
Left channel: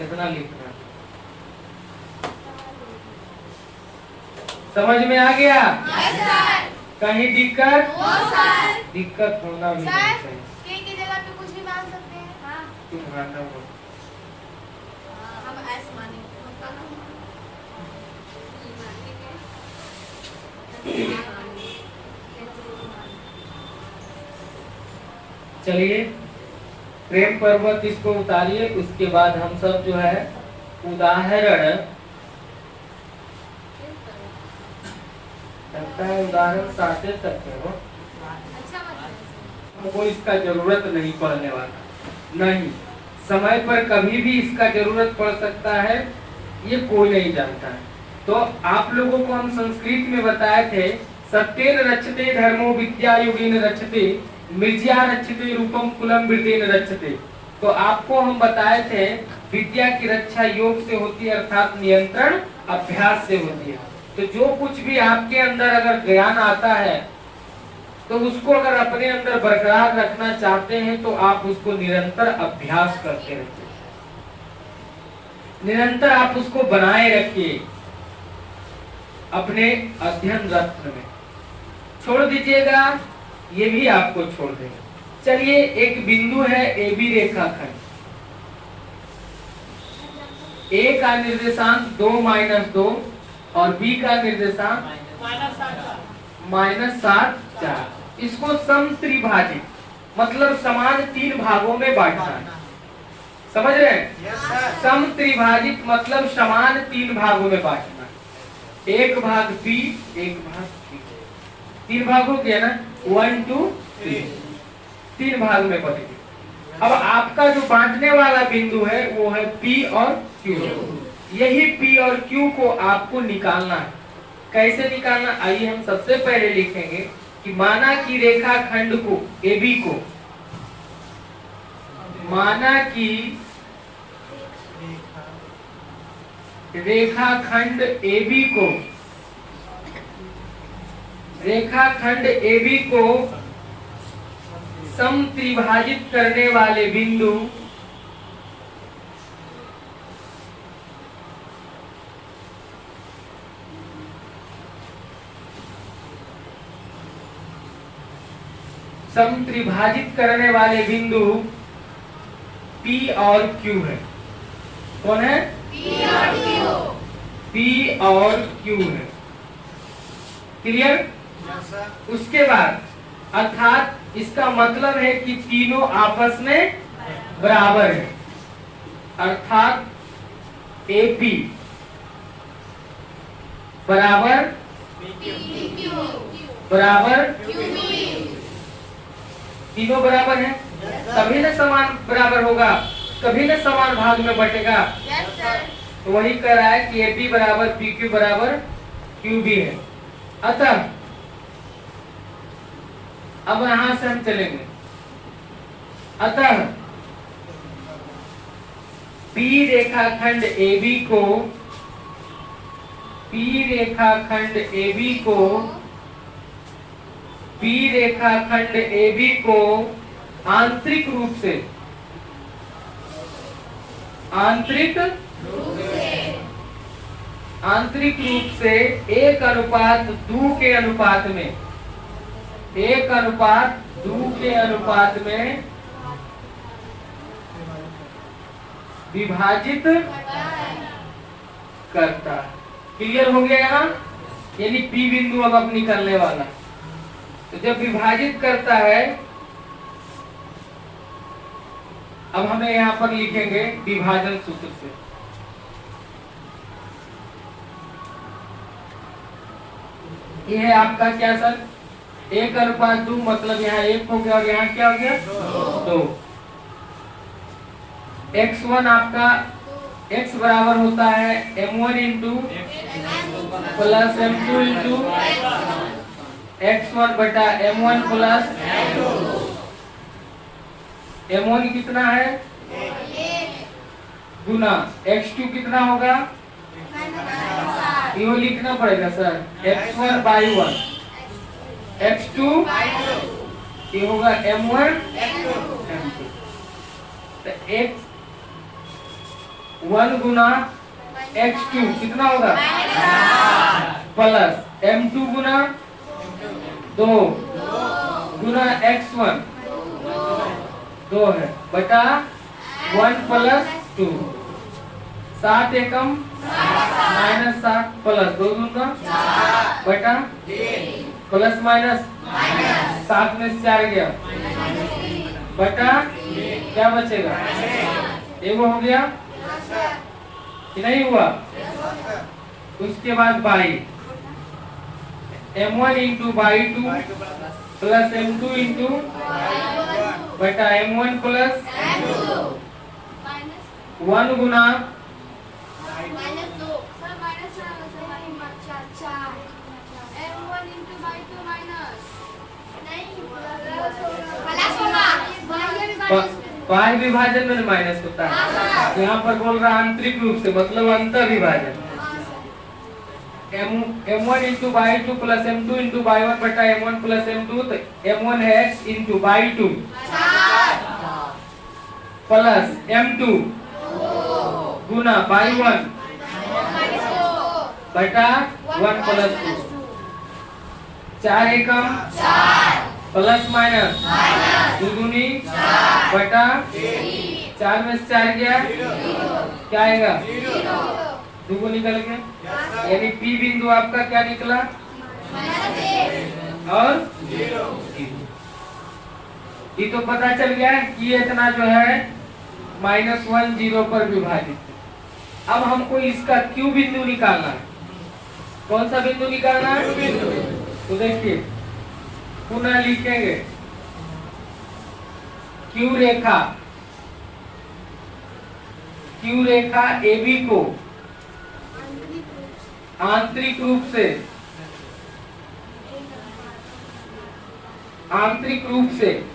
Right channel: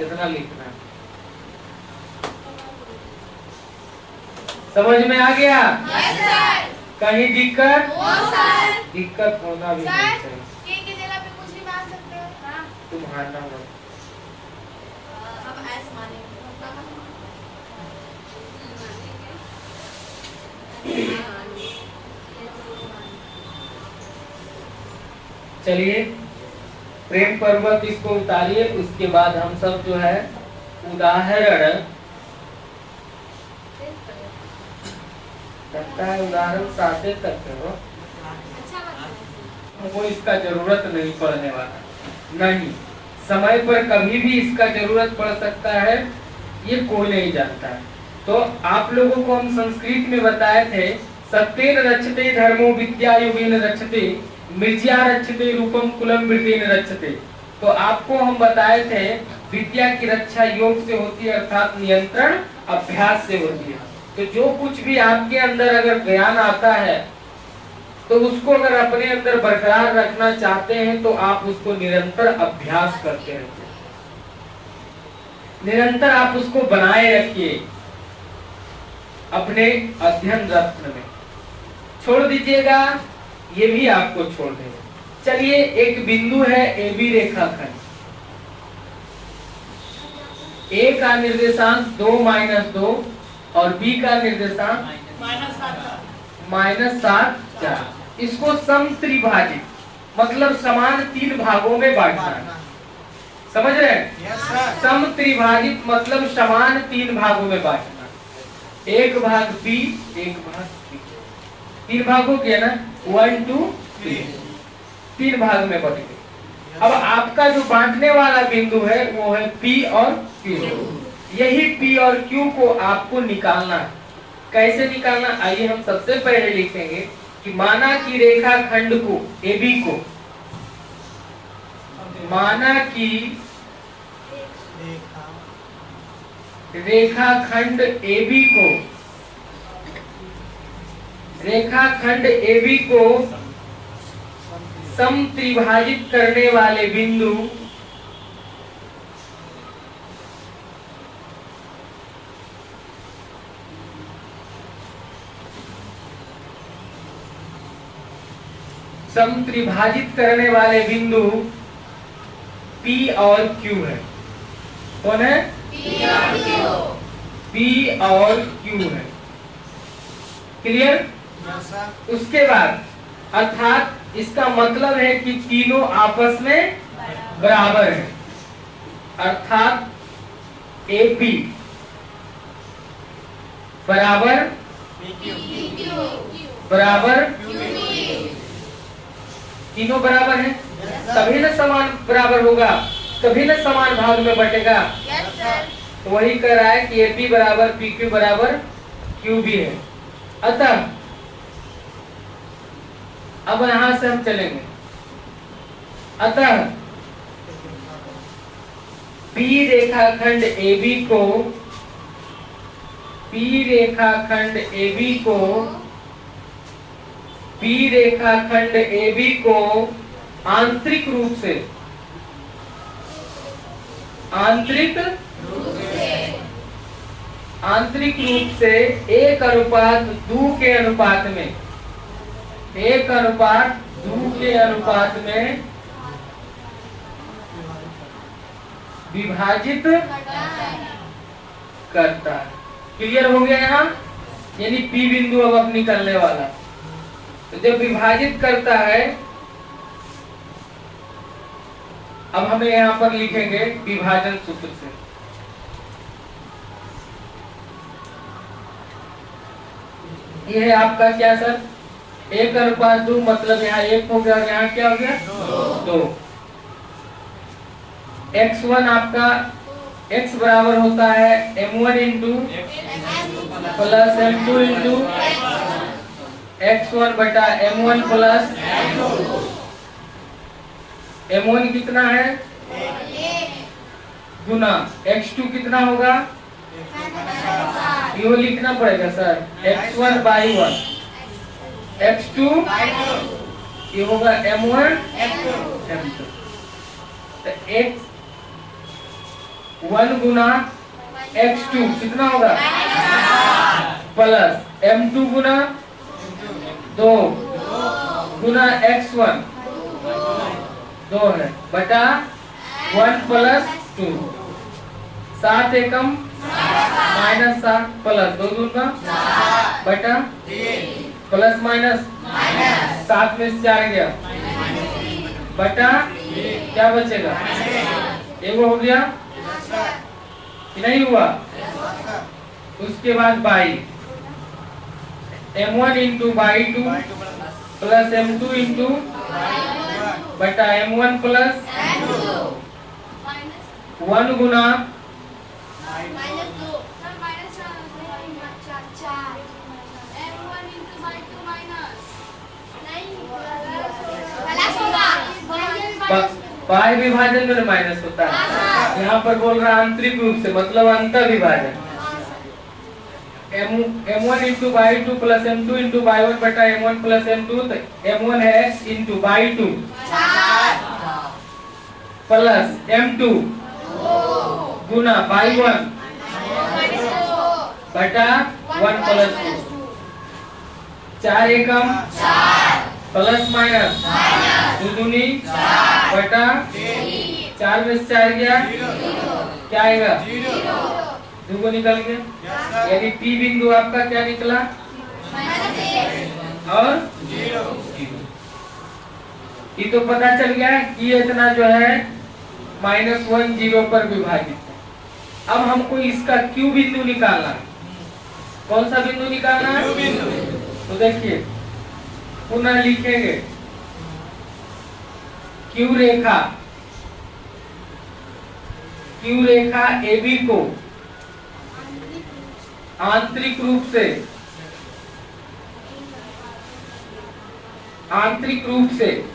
इतना लिखना। समझ में आ गया? कहीं दिक्कत? दिक्कत होना भी नहीं चाहिए। तुम्हारा हो चलिए प्रेम पर्वत इसको उतारिए। उसके बाद हम सब जो है उदाहरण, लगता है उदाहरण 7 तक हो, हमको इसका जरूरत नहीं पड़ने वाला। नहीं, समय पर कभी भी इसका जरूरत पड़ सकता है, ये कोई नहीं जानता है। तो आप लोगों को हम संस्कृत में बताए थे, सत्येन रक्षते धर्मो विद्या युगेन रक्षते मिर्ज्या रक्षते रूपम कुलम वृत्तिन रक्षते। तो आपको हम बताए थे विद्या की रक्षा योग से होती है, अर्थात नियंत्रण अभ्यास से होती है। तो जो कुछ भी आपके अंदर अगर ज्ञान आता है तो उसको अगर अपने अंदर बरकरार रखना चाहते हैं तो आप उसको निरंतर अभ्यास करते रहिए, निरंतर आप उसको बनाए रखिए अपने अध्ययन रत्न में। छोड़ दीजिएगा, ये भी आपको छोड़ देगा। चलिए एक बिंदु है ए बी रेखाखंड, ए का निर्देशांक 2-2 और बी का निर्देशांक -7 4। इसको समत्रिभाजित मतलब समान 3 भागों में बांटना। समझ रहे हैं? समत्रिभाजित मतलब समान 3 भागों में बांटना। एक भाग बी, एक भाग सी। 3 भाग हो गया ना, 1 2 3, 3 भाग में बटेंगे। अब आपका जो बांटने वाला बिंदु है वो है P और Q। यही P और Q को आपको निकालना है। कैसे निकालना, आइए हम सबसे पहले लिखेंगे कि माना कि रेखाखंड को AB को, माना कि रेखाखंड AB को, रेखाखंड AB को समत्रिभाजित करने वाले बिंदु समत्रिभाजित करने वाले बिंदु P और Q है। कौन है? P और Q है। क्लियर? उसके बाद अर्थात इसका मतलब है कि तीनों आपस में बराबर है, अर्थात AB बराबर तीनों बराबर है, तभी न समान बराबर होगा, तभी न समान भाग में बटेगा। तो वही कह रहा है कि AB बराबर PQ बराबर QB है। अतः अब यहां से हम चलेंगे। अतः P रेखाखंड AB को, P रेखाखंड AB को, P रेखाखंड AB को आंतरिक रूप से, आंतरिक रूप से 1:2 के अनुपात में, 1:2 के अनुपात में विभाजित करता है। क्लियर हो गया यहाँ? यानी P बिंदु अब निकलने वाला। तो जब विभाजित करता है अब हमें यहाँ पर लिखेंगे विभाजन सूत्र से। ये है आपका क्या सर, 1:2, मतलब यहाँ 1 हो गया और यहाँ क्या हो गया 2। x1 आपका x बराबर होता है m1 into plus m2 into x1 बटा m1 प्लस m1 कितना है गुना x2 कितना होगा, ये लिखना पड़ेगा सर, x1 बाई 1, x2 ये होगा m1 m2, तो x1 गुना x2 कितना होगा प्लस m2 गुना 2 गुना x1 2 है बटा 1 प्लस 2, 7 एकम माइनस 7 प्लस 2 दूना बटा प्लस माइनस 7 में से 4 गया बटा क्या बचेगा, एगो हो गया कि नहीं हुआ। उसके बाद by m1 into by 2 plus m2 into बटा m1 प्लस 1 गुना बाह्य विभाजन में माइनस होता है, यहाँ पर बोल रहा है आंतरिक रूप से, मतलब अंतर विभाजन। m1 into by 2 plus m2 into by 1 बटा m1 प्लस m2, तो m1 है into by 2 plus m2 Guna by 1 बटा 1 प्लस 2, 4 एकम प्लस माइनस 2 दूनी बटा 4 में से 4 गया क्या आएगा 2 को निकल के, यानी P बिंदु आपका क्या निकला और 0। ये तो पता चल गया कि इतना जो है -1 0 पर विभाजित है। अब हमको इसका Q बिंदु निकालना है। कौन सा बिंदु निकालना है, तो देखिए पुनः लिखेंगे Q रेखा AB को आंतरिक रूप से,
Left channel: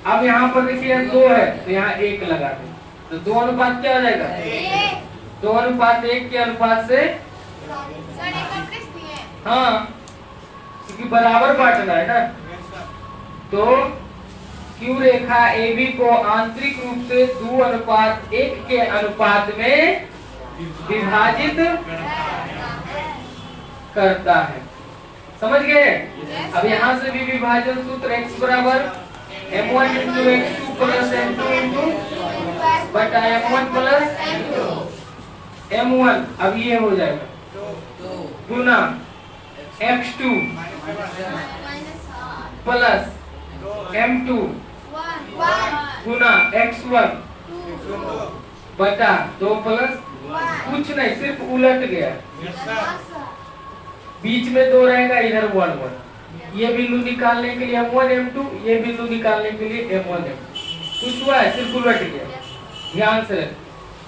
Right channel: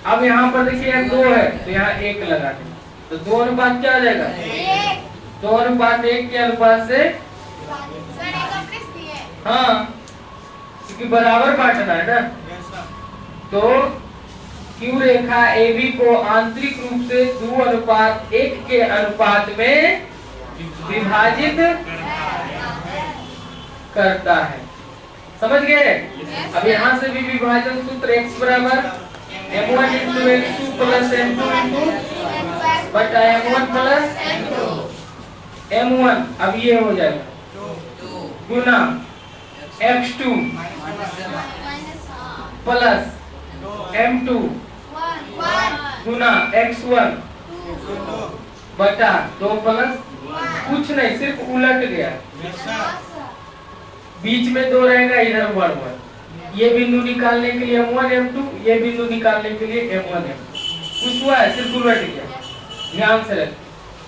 अब यहाँ पर देखिए 2 है तो यहाँ 1 लगा दें, तो 2 अनुपात क्या हो जाएगा 2 अनुपात 1 के अनुपात से, हाँ क्योंकि बराबर बांटना है ना, तो Q रेखा AB को आंतरिक रूप से 2:1 के अनुपात में विभाजित करता है। समझ गए। अब यहाँ से भी विभाजन सूत्र x बराबर m1 into x2 plus m2 into बटा m1 प्लस m1, अब ये हो जाएगा गुना x2 प्लस m2 गुना x1 बटा 2 प्लस, कुछ नहीं सिर्फ उलट गया, बीच में 2 रहेगा, इधर 1 1, ये बिंदु निकालने के लिए m1 m2, ये बिंदु निकालने के लिए m1 m2, कुछ हुआ है सिर्फ उलट गया, ध्यान से रखें।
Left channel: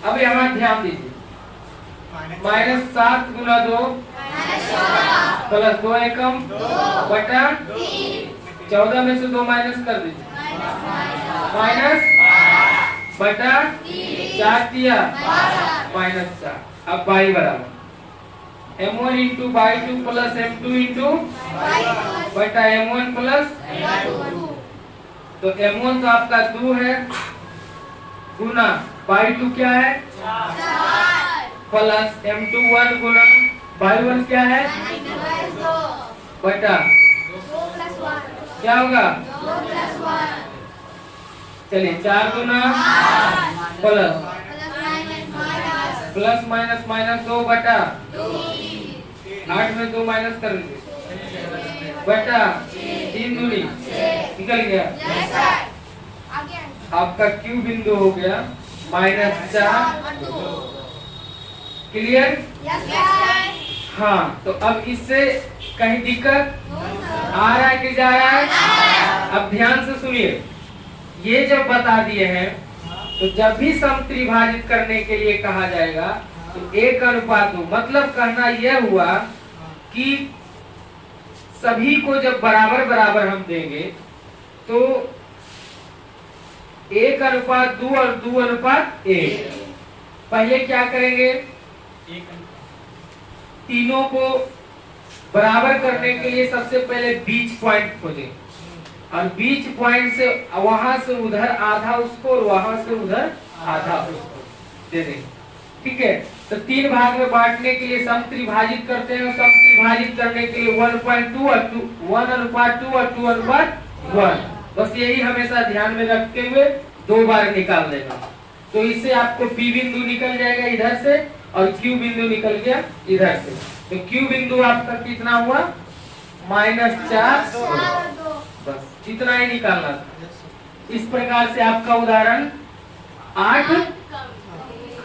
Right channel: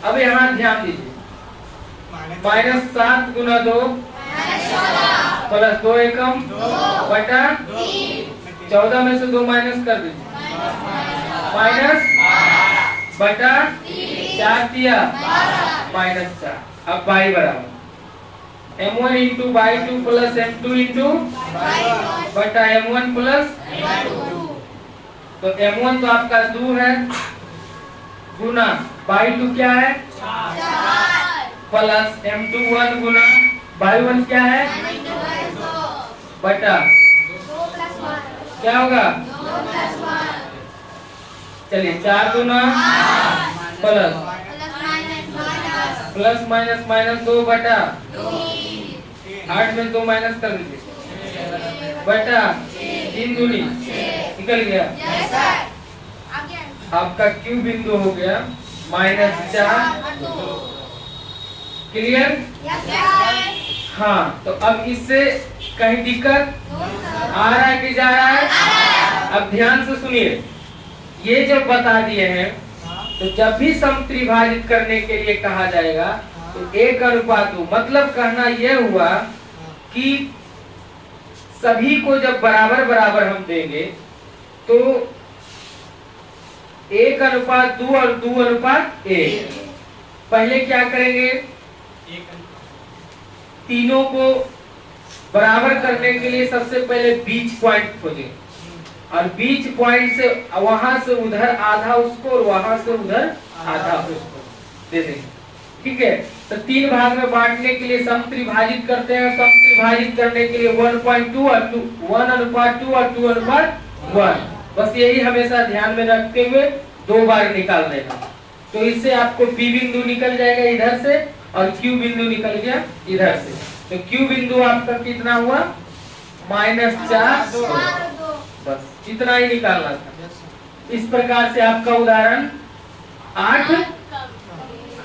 अब यहाँ ध्यान दीजिए, -7 गुना 2 प्लस 2 एकम बटा 14 में से 2 माइनस कर दीजिए, माइनस बटा 4 दिया -4, अब बाई बराबर m1 into by 2 plus m2 into बटा m1 प्लस, तो m1 तो आपका 2 है गुना बाई 2 क्या है प्लस m2 1 गुना बाई 1 क्या है बटा क्या होगा, चलिए 4 गुना प्लस माइनस माइनस 2 बटा 8 में 2 माइनस कर दीजिए बटा 3 दूनी निकल गया। आपका Q बिंदु हो गया -4। क्लियर? हाँ, तो अब इससे कहीं दिक्कत आ रहा है कि जा रहा है? अब ध्यान से सुनिए, ये जब बता दिए हैं तो जब भी समत्रिभाजित करने के लिए कहा जाएगा तो 1:2, मतलब कहना यह हुआ कि सभी को जब बराबर बराबर हम देंगे तो 1:2 और 2:1। पहले क्या करेंगे, तीनों को बराबर करने के लिए सबसे पहले बीच पॉइंट खोजें और बीच पॉइंट से वहां से उधर आधा उसको और वहां से उधर आधा उसको दे देंगे। ठीक है, तो 3 भाग में बांटने के लिए समत्रिभाजित करते हैं। समत्रिभाजित करने के लिए 1.2 और 1:2 और 2:1। बस यही हमेशा ध्यान में रखते हुए 2 बार निकाल देगा। तो इससे आपको P बिंदु निकल जाएगा इधर से और Q बिंदु निकल गया इधर से। तो Q बिंदु आपका कितना हुआ? -4। बस इतना ही निकालना था। इस प्रकार से आपका उदाहरण 8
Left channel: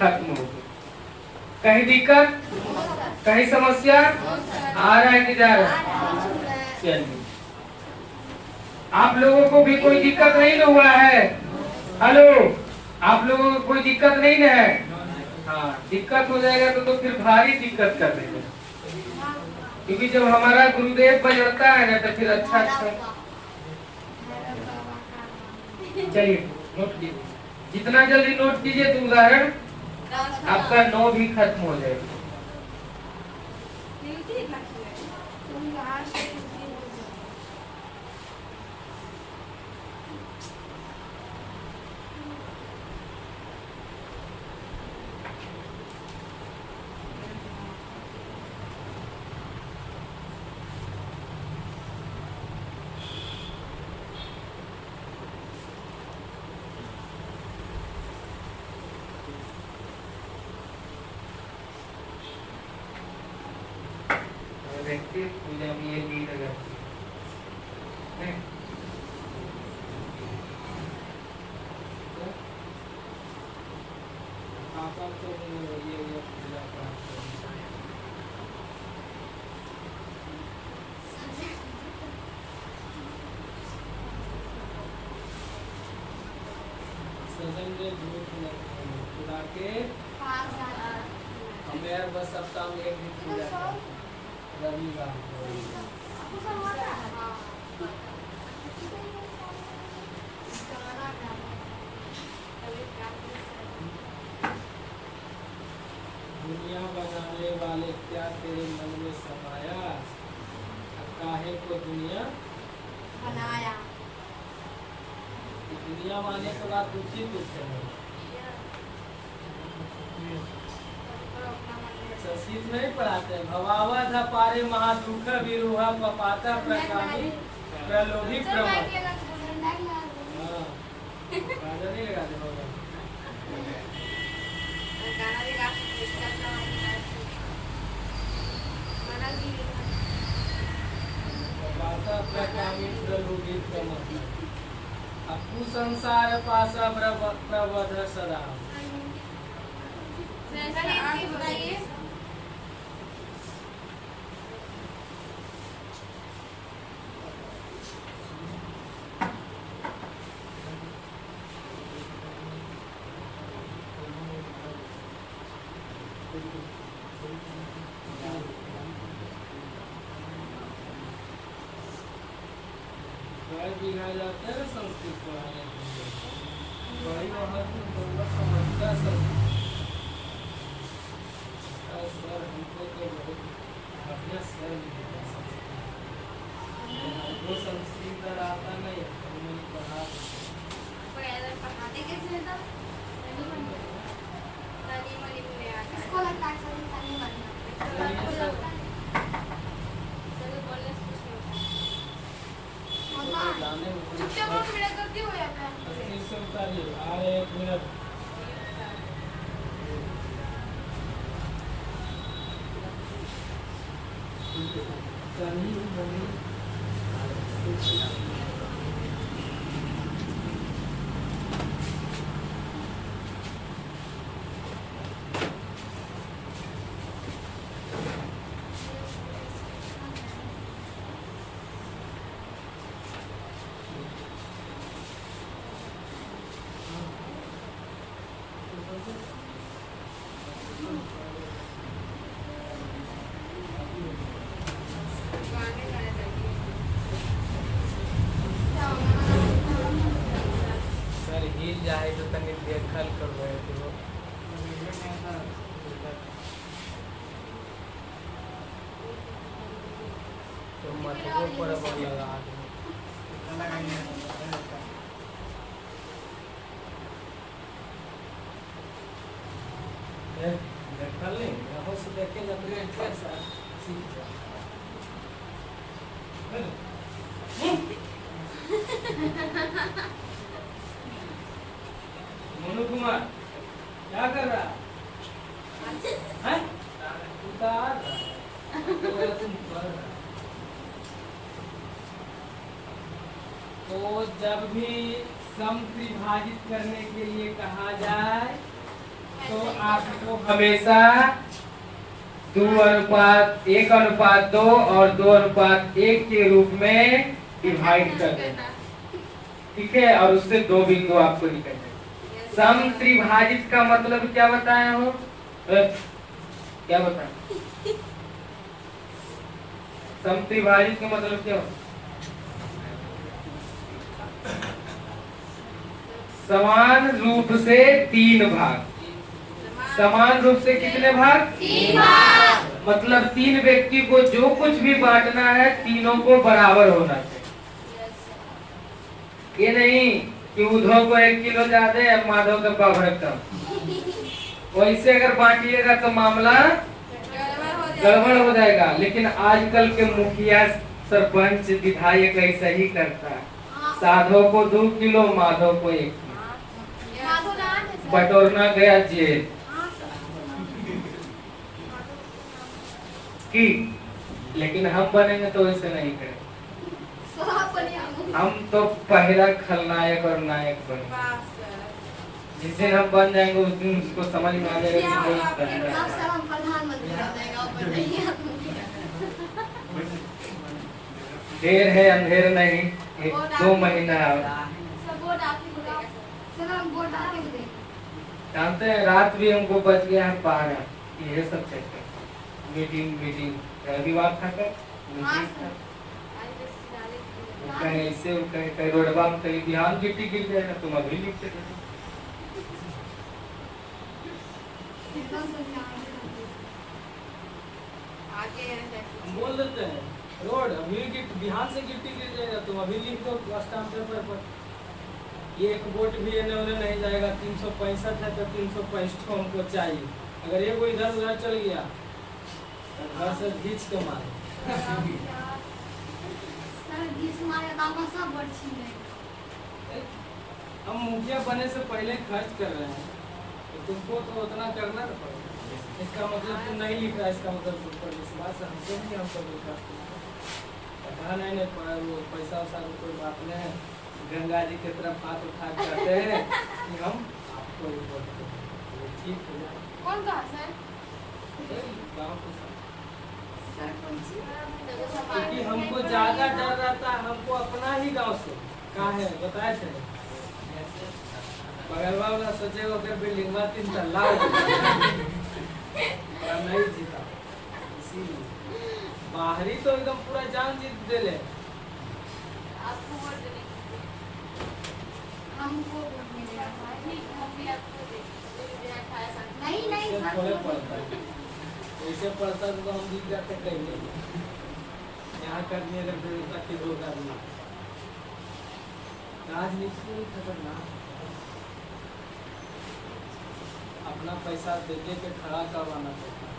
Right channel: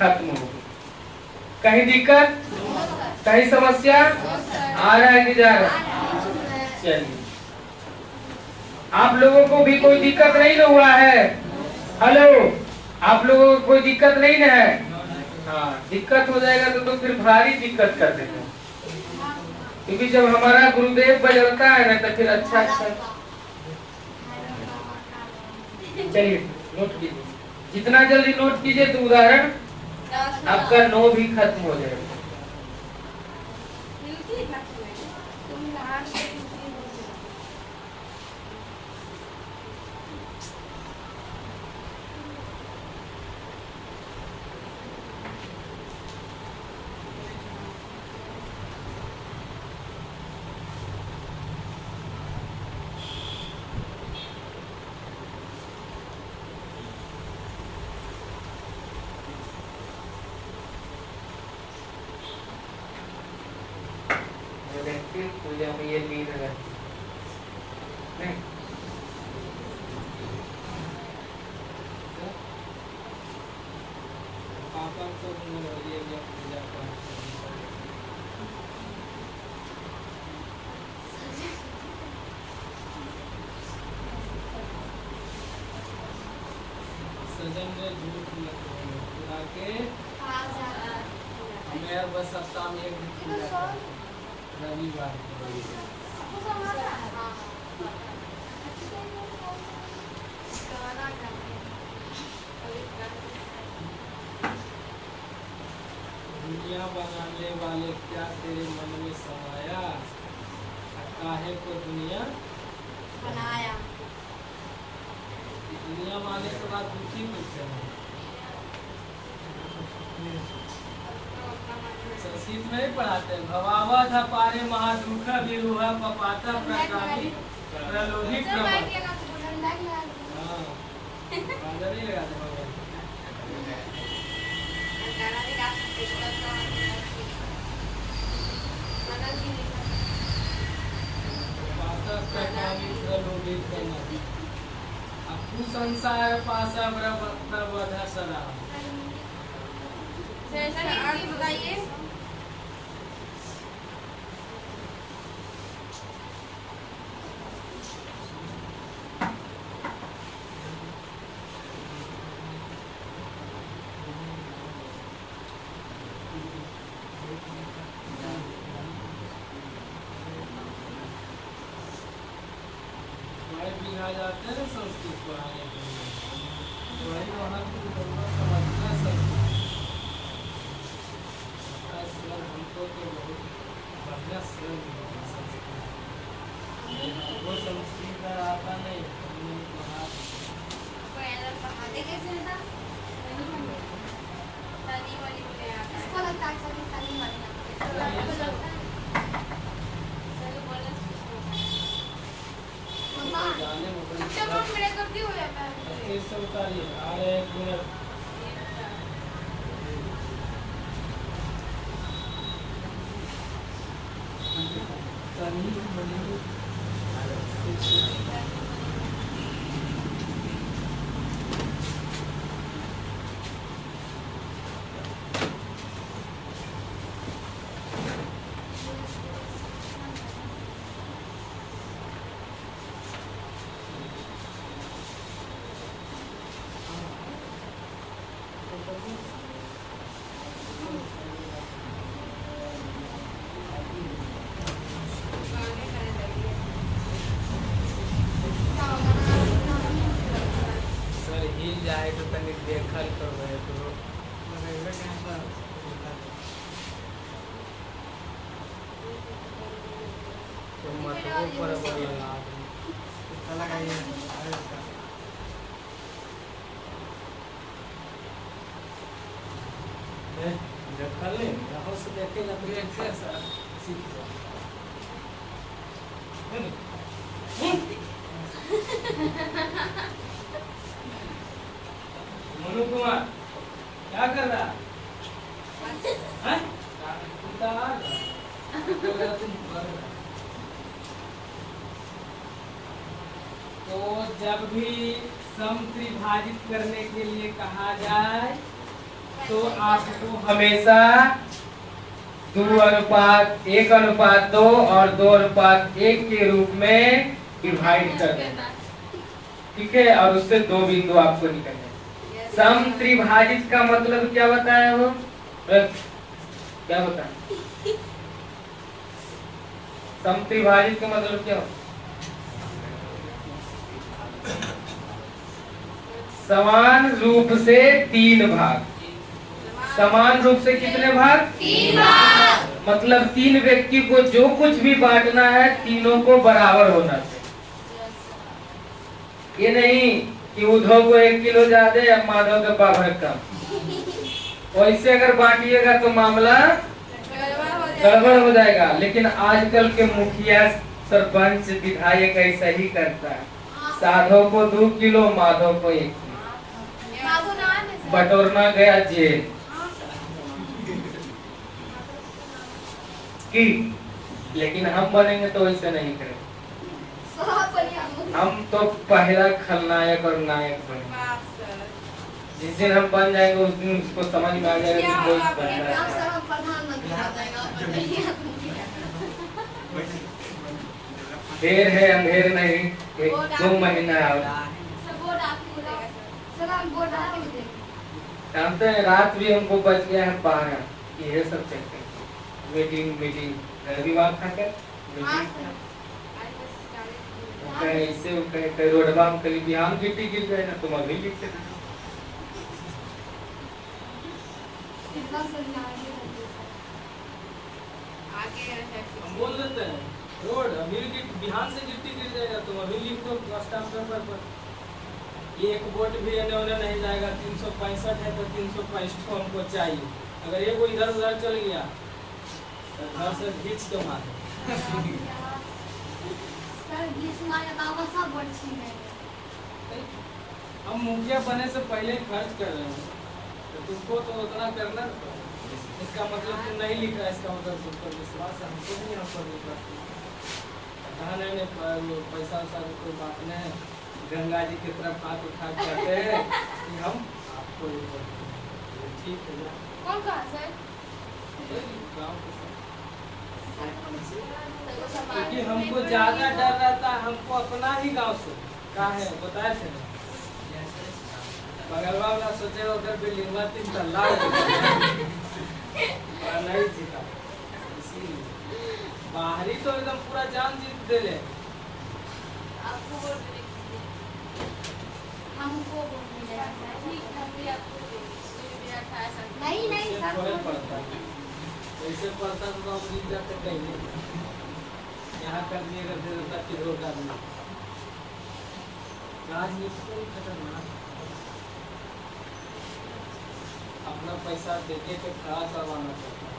खत्म हो गया। कहीं दिक्कत, कहीं समस्या आ रहा है कि जा रहा है? चलिए, आप लोगों को भी कोई दिक्कत नहीं ना हुआ है? हेलो, आप लोगों को कोई दिक्कत नहीं ना है? हाँ, दिक्कत हो जाएगा तो फिर भारी दिक्कत कर देगा, क्योंकि जब हमारा गुरुदेव बजड़ता है ना तो फिर अच्छा। चलिए नोट कीजिए, जितना जल्दी नोट कीजिए तो उदाहरण आपका 9 भी खत्म हो जाएगा। पूजा में ये लीड रहती है। हमें बस सप्ताह में एक दिन पूजा रविवार। दुनिया बनाने वाले क्या तेरे मन में समाया, काहे को दुनिया बनाया। दुनिया माने के बाद दुखी किससे है? संस्कृत में पढ़ाते हैं, भवावा था पारे महादुख विरूह पपाता प्रकामी प्रलोभित प्रमोद। हाँ, गाना नहीं लगाते भगवान। पपाता प्रकामी प्रलोभित प्रमोद। अपु संसार पासा प्रबोध सदा। बताइए। जाते हैं संस्कृत पढ़ाने के लिए, बड़ी महत्वपूर्ण समझता सर हमको तो अपना सर वो संस्कृत आता नहीं, पढ़ाते कैसे था? इसको लगता है मत वो बराबर लगा कर ले यहाँ से देखेगा तो कैसा सीख जा मनु कुमार क्या कर रहा है उतार तुम कर रहा तो जब भी सम त्रिभाजित करने के लिए कहा जाए तो आपको हमेशा 1:2 और 2:1 के रूप में डिवाइड कर देना, ठीक है। और उससे 2 बिंदु आपको निकलने। सम त्रिभाजित का मतलब क्या बताया हो, क्या बताया? सम त्रिभाजित का मतलब क्या हो? समान रूप से 3 भाग। समान रूप से कितने भाग? 3 भाग। मतलब 3 व्यक्ति को जो कुछ भी बांटना है तीनों को बराबर होना चाहिए। ये नहीं कि उद्धव को 1 किलो ज्यादा या माधव का पाभर कम। वैसे अगर बांटिएगा तो मामला गड़बड़ हो जाएगा। लेकिन आजकल के मुखिया, सरपंच, विधायक ऐसा ही करता है। साधव को 2 किलो, माधव को 1 किलो, बटोरना गया जेल की। लेकिन हम बनेंगे तो ऐसे नहीं करेंगे। हम तो पहला खलनायक और नायक बनेंगे। जिस दिन हम बन जाएंगे उस दिन उसको समझ में आ जाएगा कि कोई पहला देर है अंधेर नहीं, 1-2 महीना जानते हैं। रात भी हमको बच गया है 12। ये सब चलते मीटिंग रविवार था कर ऐसे रोडवा में कभी ध्यान ड्यूटी गिर जाए ना, तुम अभी लिखते बोल देते हैं रोड अभी बिहार से गिट्टी गिर जाएगा, तुम अभी लिख दो स्टाम्प पेपर पर। एक वोट भी इन्होंने नहीं जाएगा। 365 है तो 365 हमको चाहिए। अगर एक इधर उधर चल गया तो घर से खींच के मारे। हम मुखिया बने से पहले खर्च कर रहे हैं तो तुमको तो उतना करना पड़ेगा। इसका मतलब तुम नहीं लिख रहा, इसका मतलब तुम पर विश्वास है। हमको भी हम पर विश्वास कहा नहीं पैसा वैसा कोई बात नहीं है। गंगा जी की तरफ हाथ उठा करते हैं कि हम आपको ठीक है। कौन कहा सर? क्योंकि हमको ज्यादा डर रहता है, हमको अपना ही गांव से कहा है बताए थे। बगलवा वाला सोचे अगर बिल्डिंग 3 तल्ला नहीं जीता, इसीलिए बाहरी तो एकदम पूरा जान जीत दे ले। आपको वोट देने हमको नहीं ऐसे पड़ता तो हम जीत जाते कहीं। यहाँ करने का दे देता फिर होगा नहीं। राजनीति में खतरनाक अपना पैसा देके के खड़ा करवाना चाहता है।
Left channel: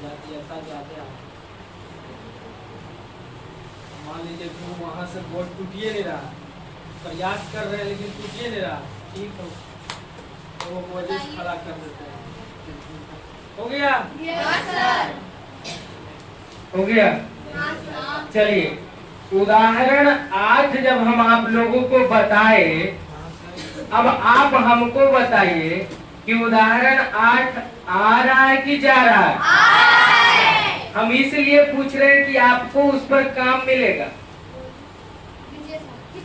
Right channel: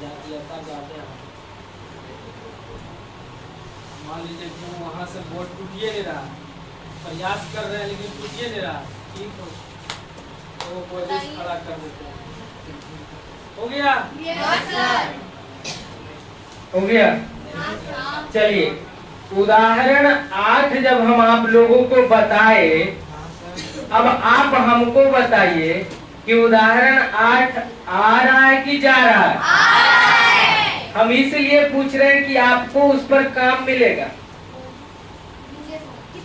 जातीयता ज्यादा है। मान लीजिए कि वो वहाँ से वोट टूटिए नहीं रहा, प्रयास कर रहे हैं लेकिन टूटिए नहीं रहा, ठीक हो तो वो वजह खड़ा कर देते हैं। हो गया? हो गया। चलिए उदाहरण 8 जब हम आप लोगों को बताए, अब आप हमको बताइए कि उदाहरण 8 आ रहा है कि जा रहा है? आ रहा है। हम इसलिए पूछ रहे हैं कि आपको उस पर काम मिलेगा।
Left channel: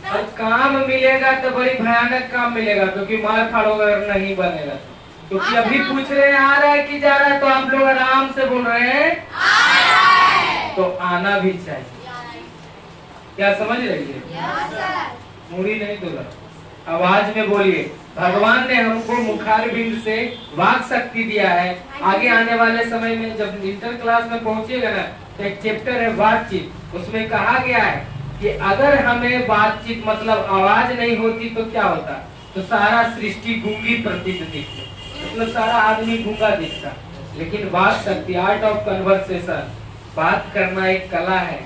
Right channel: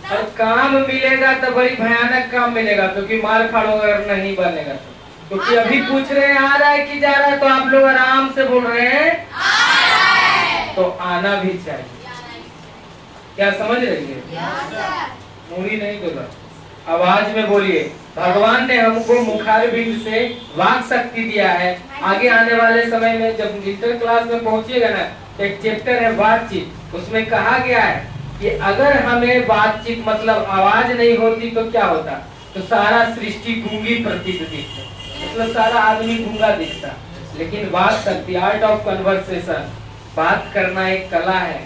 और काम मिलेगा तो बड़ी भयानक काम मिलेगा, क्योंकि मार फाड़ोगर नहीं बनेगा। क्योंकि अभी पूछ रहे हैं आ रहा है कि जा रहा है, तो आप लोग आराम से बोल रहे हैं आ रहा है। तो आना भी चाहिए। क्या समझ रही है? Yes sir. मूड़ी नहीं बोला। आवाज में बोलिए। भगवान ने हमको मुखारबिंद से वाक शक्ति दिया है। आगे आने वाले समय में जब इंटर क्लास में पहुंचेगा ना, एक चैप्टर है बातचीत, उसमें कहा गया है कि अगर हमें बातचीत मतलब आवाज नहीं होती तो क्या होता, तो सारा सृष्टि गूंगी प्रतीत दिखती, मतलब सारा आदमी गूंगा दिखता। लेकिन बात शक्ति, आर्ट ऑफ कन्वर्सेशन, बात करना एक कला है।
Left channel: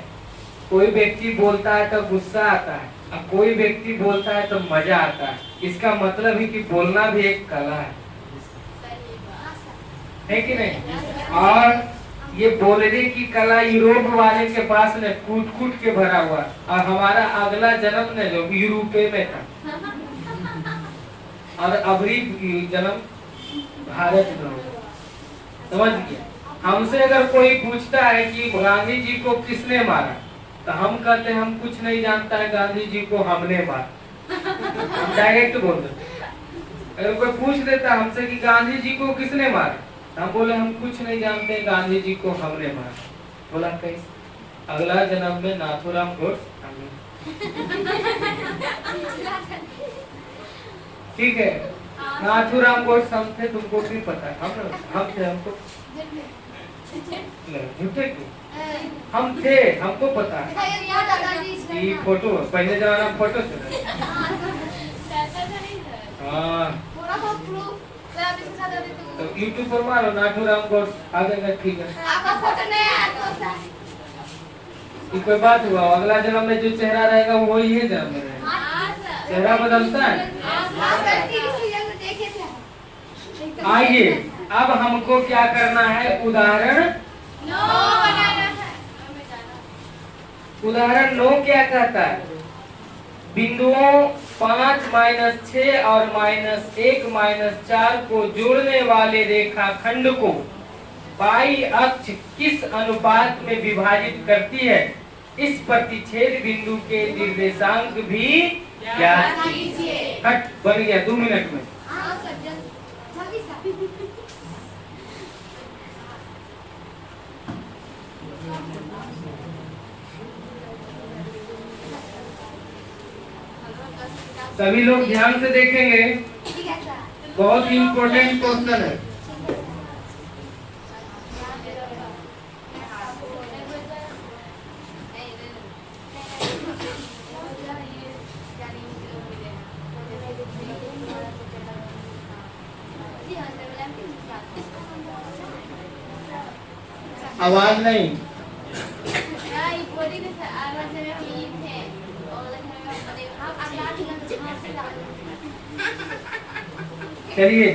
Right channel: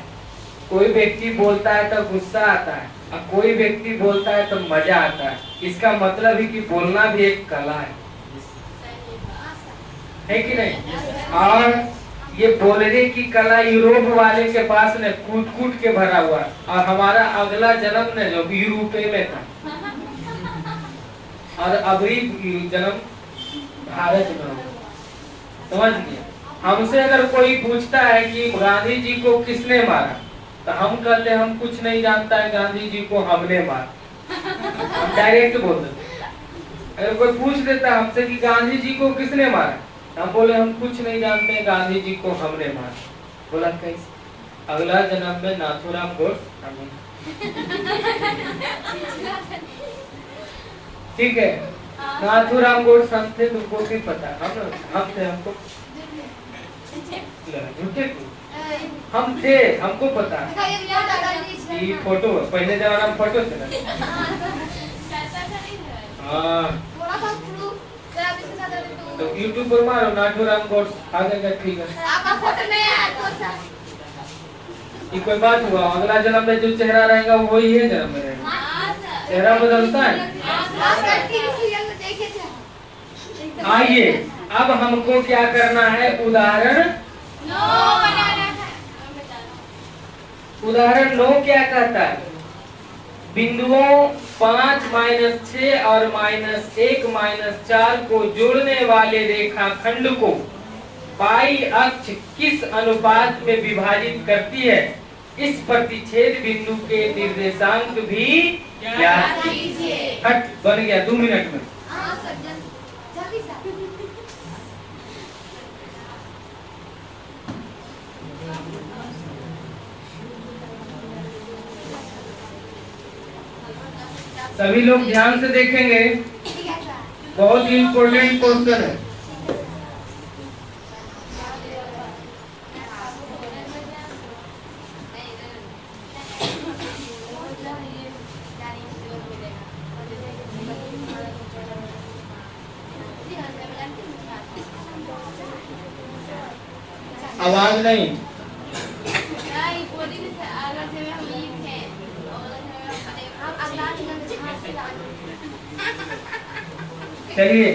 कोई व्यक्ति बोलता है तो गुस्सा आता है, और कोई व्यक्ति बोलता है तो मजा आता है। इसका मतलब है कि बोलना भी एक कला है कि नहीं? और ये बोलने की कला यूरोप वाले के पास ने कूट कूट के भरा हुआ, और हमारा अगला जन्म ने जो यूरोपे में था, और अभी जन्म भारत में हो। समझ गए? हमसे अगर कोई पूछता है कि गांधी जी को किसने मारा, तो हम कहते हैं हम कुछ नहीं जानता है, गांधी जी को हमने मारा। हम डायरेक्ट बोल देते। अगर कोई पूछ देता हमसे कि गांधी जी को किसने मारा, हम बोले हम कुछ नहीं जानते, गांधी जी को हमने मारा। बोला कैसे? अगला जन्म में नाथूराम गोडसे। ठीक है, नाथूराम गोडसे हम थे, तुमको भी पता। हम थे, हमको झूठे हम थे, हमको पता। ये फोटो पहले जमाना में फोटो थे ना। हाँ, तो यूट्यूब पर मारो नाथूराम गोडसे, आ जाएगा। ठीक है, ये कोई बात हुआ? अगला जन्म में जो चेहरा रहेगा वो वही है जन्म में रहेगा। चेहरा बदलता है। आइए, अब हमको क्या करना है? उदाहरण 9 क्या कहता है? बिंदुओं 5, -6 और -1, -4 को जोड़ने वाले रेखाखंड को पाई अक्ष किस अनुपात में विभाजित करती है? इस प्रतिच्छेद बिंदु के निर्देशांक भी ज्ञात कीजिए। हट, बन गया 2 मिनट में। सभी लोग ध्यान से देखेंगे, बहुत ही इम्पोर्टेंट क्वेश्चन है। आवाज नहीं। चलिए,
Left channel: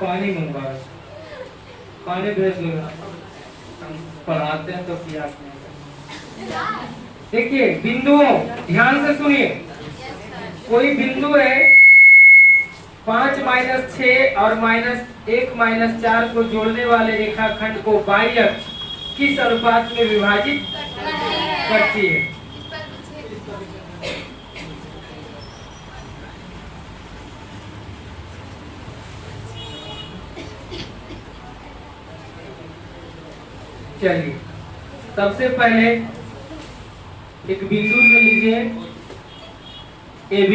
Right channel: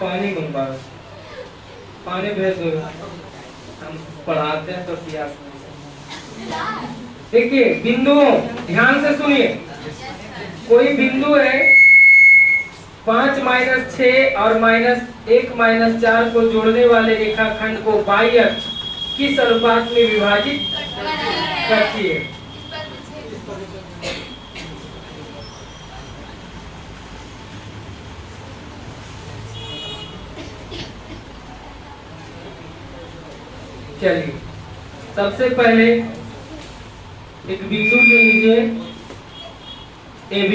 पानी मंगवा, पानी भेज दो। हम पढ़ाते हैं तो प्यास नहीं। देखिए बिंदुओं, ध्यान से सुनिए। कोई बिंदु है 5, -6 और -1, -4 को जोड़ने वाले रेखाखंड को बाई अक्ष किस अनुपात में विभाजित करती है? चलिए, सबसे पहले एक बिंदु ले लीजिए AB,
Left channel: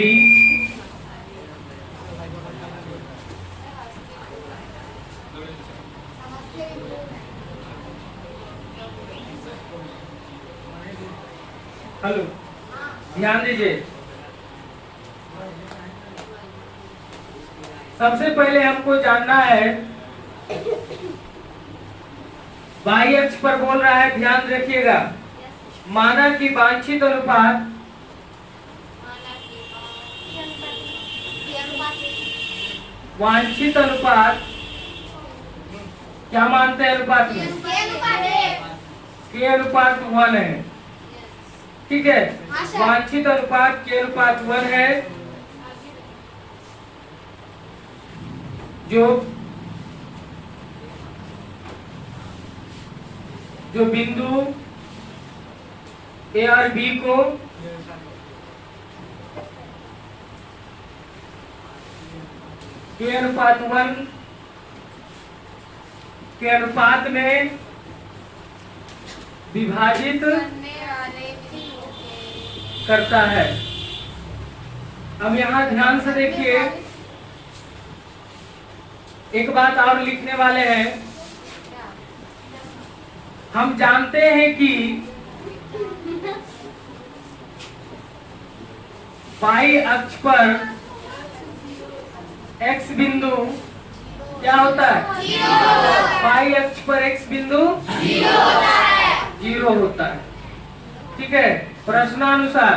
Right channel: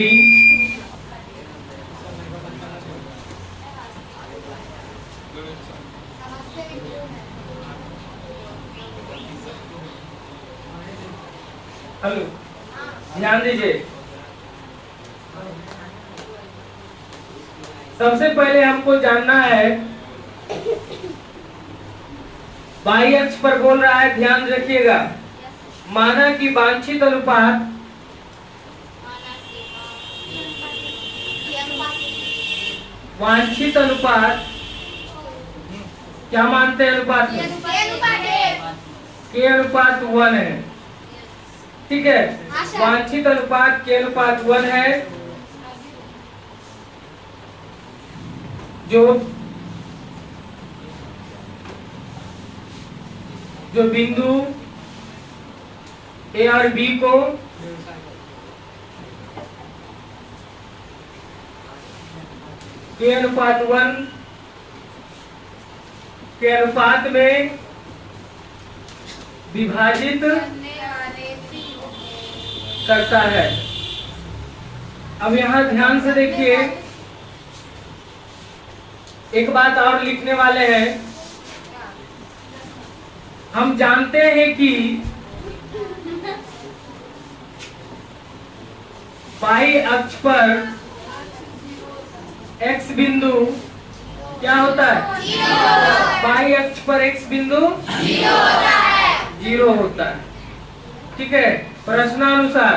हेलो, ध्यान दीजिए। सबसे पहले हमको जानना है, बाई अक्ष पर बोल रहा है, ध्यान रखिएगा। माना कि वांछित अनुपात क्या मानते हैं अनुपात में? के अनुपात 1 है। ठीक है, वांछित अनुपात के अनुपात 1 है, जो बिंदु A और B को के अनुपात 1 के अनुपात में विभाजित करता है। अब यहाँ ध्यान से देखिए, एक बात और लिखने वाले हैं। हम जानते हैं कि बाई अक्ष पर x बिंदु क्या होता है? बाई अक्ष पर x बिंदु 0 होता है। ठीक है, प्रश्नानुसार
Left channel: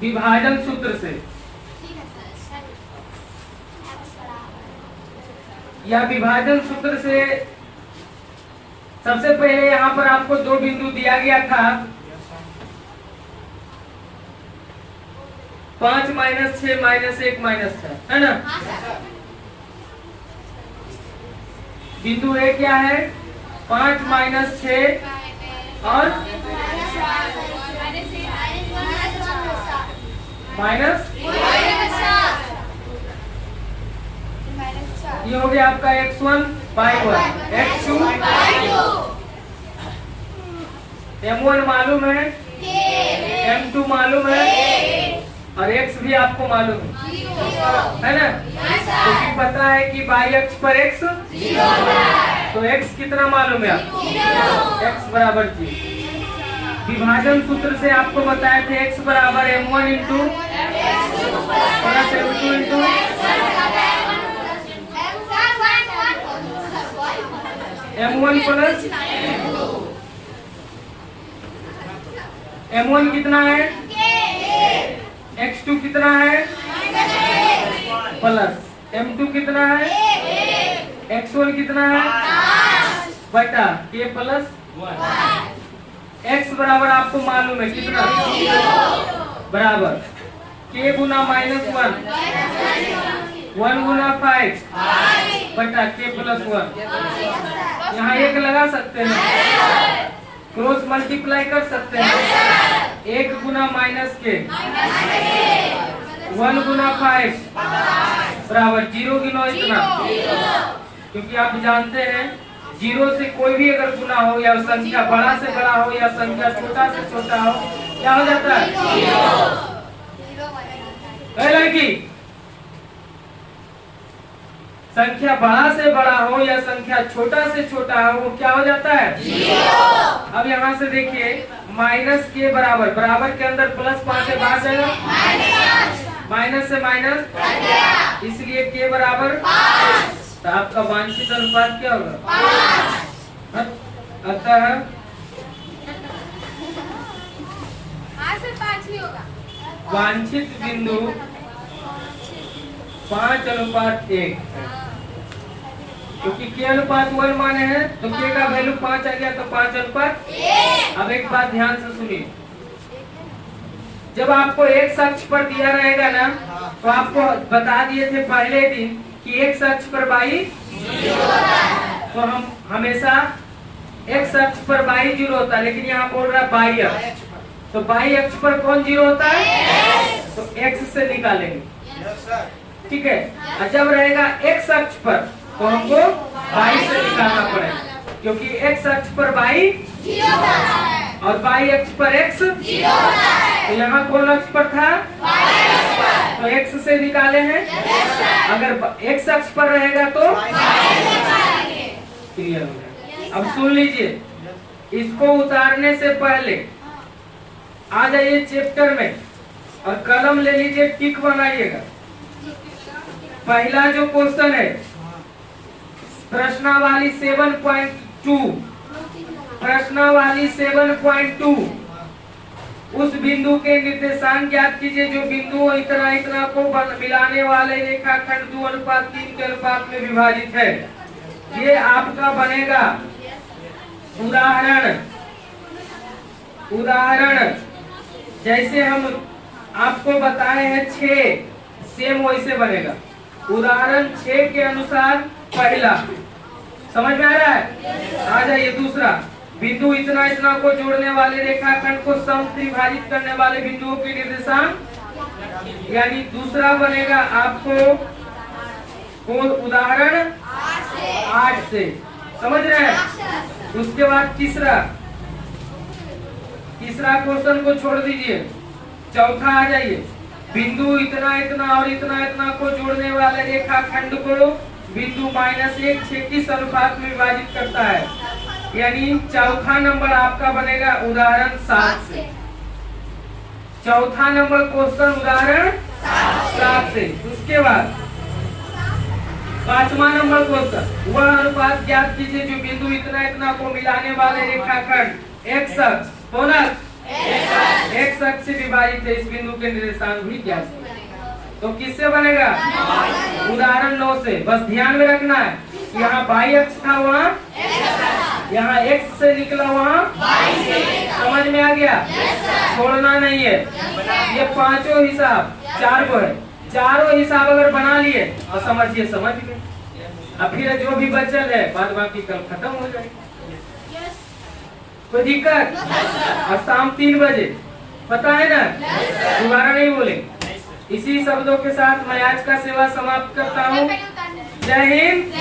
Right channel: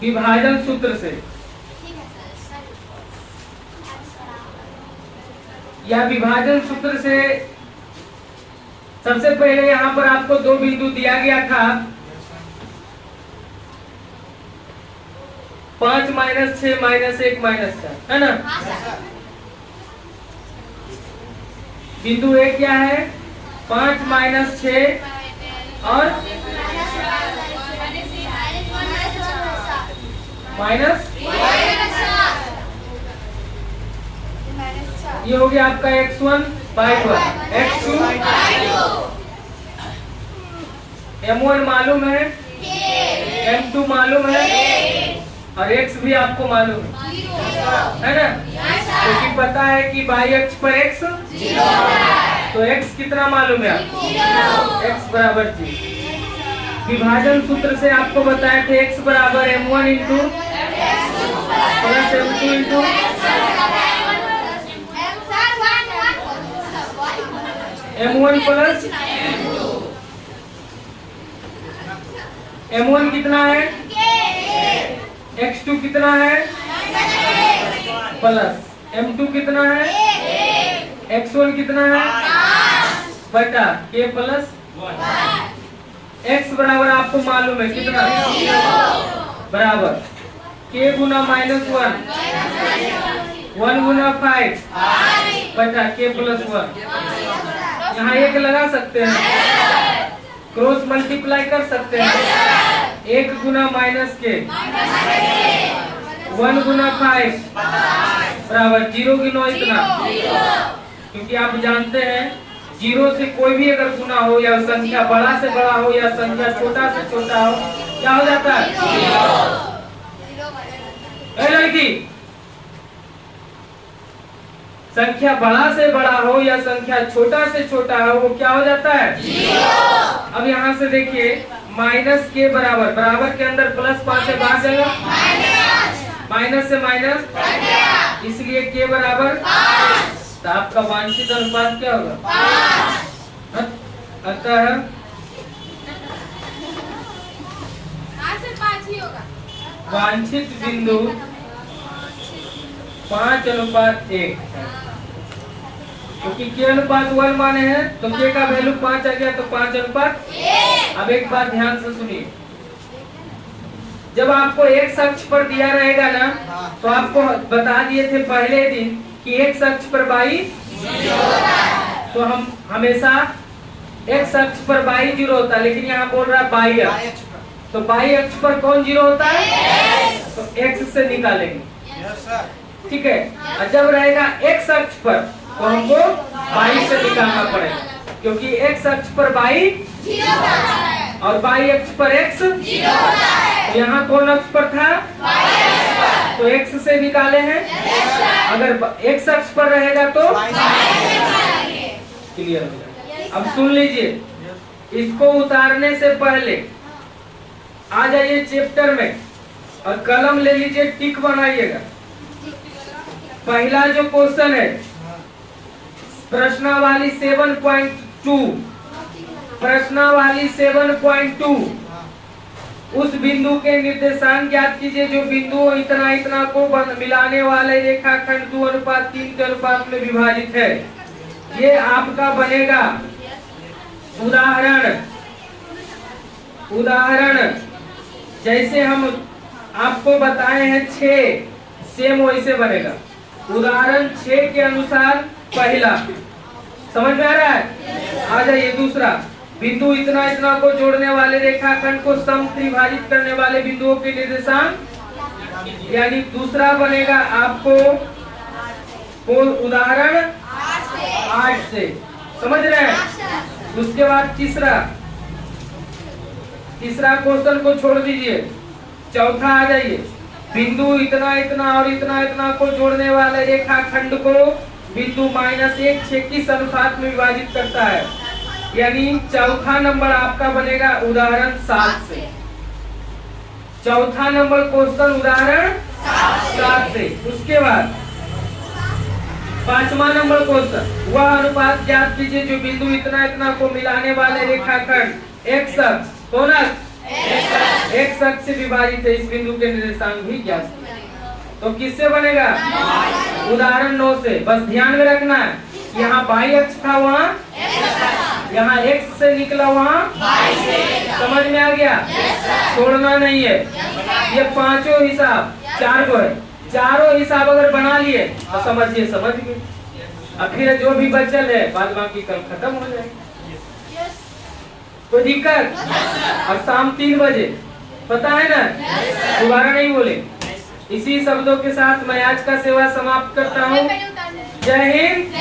विभाजन सूत्र से या विभाजन सूत्र से सबसे पहले यहाँ पर आपको दो बिंदु दिया गया था, 5 - 6 - 1 - 4, है ना? बिंदु ए क्या है? 5 - 6 और माइनस, ये हो गया आपका x1 बाई 1, x2 m1 मालूम है, m2 मालूम है और x भी आपको मालूम है ना? क्योंकि पता है कि बाई अक्ष पर x, तो x कितना मालूम है आपको? x बराबर 0। विभाजन सूत्र से आपको बताया थे x बराबर m1 into plus m2 into m1 plus m1 कितना है? x2 कितना है? प्लस m2 कितना है? x1 कितना है? बटा k प्लस x बराबर आपको मालूम है कितना? बराबर k गुना -1, 1 गुना 5 बटा k प्लस 1। यहाँ 1 लगा सकते हैं, क्रॉस मल्टीप्लाई कर सकते हैं। 1 गुना -k, 1 गुना 5 बराबर 0 गिनो इतना, क्योंकि आप जानते हैं 0 से कोई भी अगर गुना हो या संख्या बड़ा से बड़ा हो या संख्या छोटा से छोटा हो, क्या हो जाता है? लड़की, संख्या बड़ा से बड़ा हो या संख्या छोटा से छोटा हो, वो क्या हो जाता है? 0। अब यहाँ से देखिए, माइनस के बराबर, बराबर के अंदर प्लस 5 है, बाहर जाएगा माइनस से माइनस, इसलिए के बराबर 5। तो आपका वांछित अनुपात क्या होगा? 5। अतः 5 ही होगा। वांछित बिंदु 5:1, क्योंकि के अनुपात 1 माने हैं तो के का वैल्यू 5 आ गया, तो 5:1। अब एक बात ध्यान से सुनिए, जब आपको x अक्ष पर दिया रहेगा ना, तो आपको बता दिए थे पहले दिन कि x अक्ष पर बाई 0, तो हम हमेशा x अक्ष पर बाई 0 होता है, लेकिन यहाँ बोल रहा है बाई अक्ष, तो बाई अक्ष पर कौन 0 होता है? तो x से निकालेंगे, ठीक है। और जब रहेगा x अक्ष पर तो हमको बाई से निकालना पड़ेगा, क्योंकि x अक्ष पर बाई 0 और बाई अक्ष पर x 0, तो यहाँ कौन अक्ष पर था? तो x से निकाले हैं। अगर x अक्ष पर रहेगा तो क्लियर हो जाएगा। अब सुन लीजिए, इसको उतारने से पहले आ जाइए चैप्टर में और कलम ले लीजिए, टिक बनाइएगा। पहला जो क्वेश्चन है प्रश्नावली 7.2, प्रश्नावली 7.2, उस बिंदु के निर्देशांक ज्ञात कीजिए जो बिंदु इतना इतना को मिलाने वाले रेखाखंड 2:3 के अनुपात में विभाजित है। ये आपका बनेगा उदाहरण जैसे हम आपको बताए हैं 6, सेम वैसे बनेगा। उदाहरण 6 के अनुसार पहला समझ में आ रहा है? आ जाइए दूसरा, बिंदु इतना इतना को जोड़ने वाले रेखाखंड को समत्रिभाजित करने वाले बिंदुओं के निर्देशांक, यानी दूसरा बनेगा आपको उदाहरण 8 से, समझ रहे हैं? उसके बाद तीसरा तीसरा क्वेश्चन को छोड़ दीजिए, चौथा आ जाइए। बिंदु इतना इतना और इतना इतना को जोड़ने वाले रेखाखंड को बिंदु -1 6 किस अनुपात में विभाजित करता है? यानी चौथा नंबर आपका बनेगा उदाहरण 7 से। चौथा नंबर क्वेश्चन उदाहरण 7 से। उसके बाद 5वां नंबर क्वेश्चन, वह अनुपात ज्ञात कीजिए जो बिंदु इतना इतना को मिलाने वाले रेखाखंड एक्स अक्ष कौन एक्स अक्ष से विभाजित है। इस बिंदु के निर्देशांक भी ज्ञात कीजिए। तो किससे बनेगा? उदाहरण 9 से। बस ध्यान में रखना है, यहाँ y अक्ष था, वहाँ यहाँ x से निकला, वहाँ समझ में आ गया? छोड़ना नहीं है। ये पांचों हिसाब 4 को है, चारों हिसाब अगर बना लिए तो समझिए समझ गए। अब फिर जो भी बचल है बाद बाकी कल खत्म हो जाएगी, कोई दिक्कत? और शाम 3 बजे, पता है ना? दोबारा नहीं बोले। इसी शब्दों के साथ मैं आज का सेवा समाप्त करता हूँ। जय हिंद।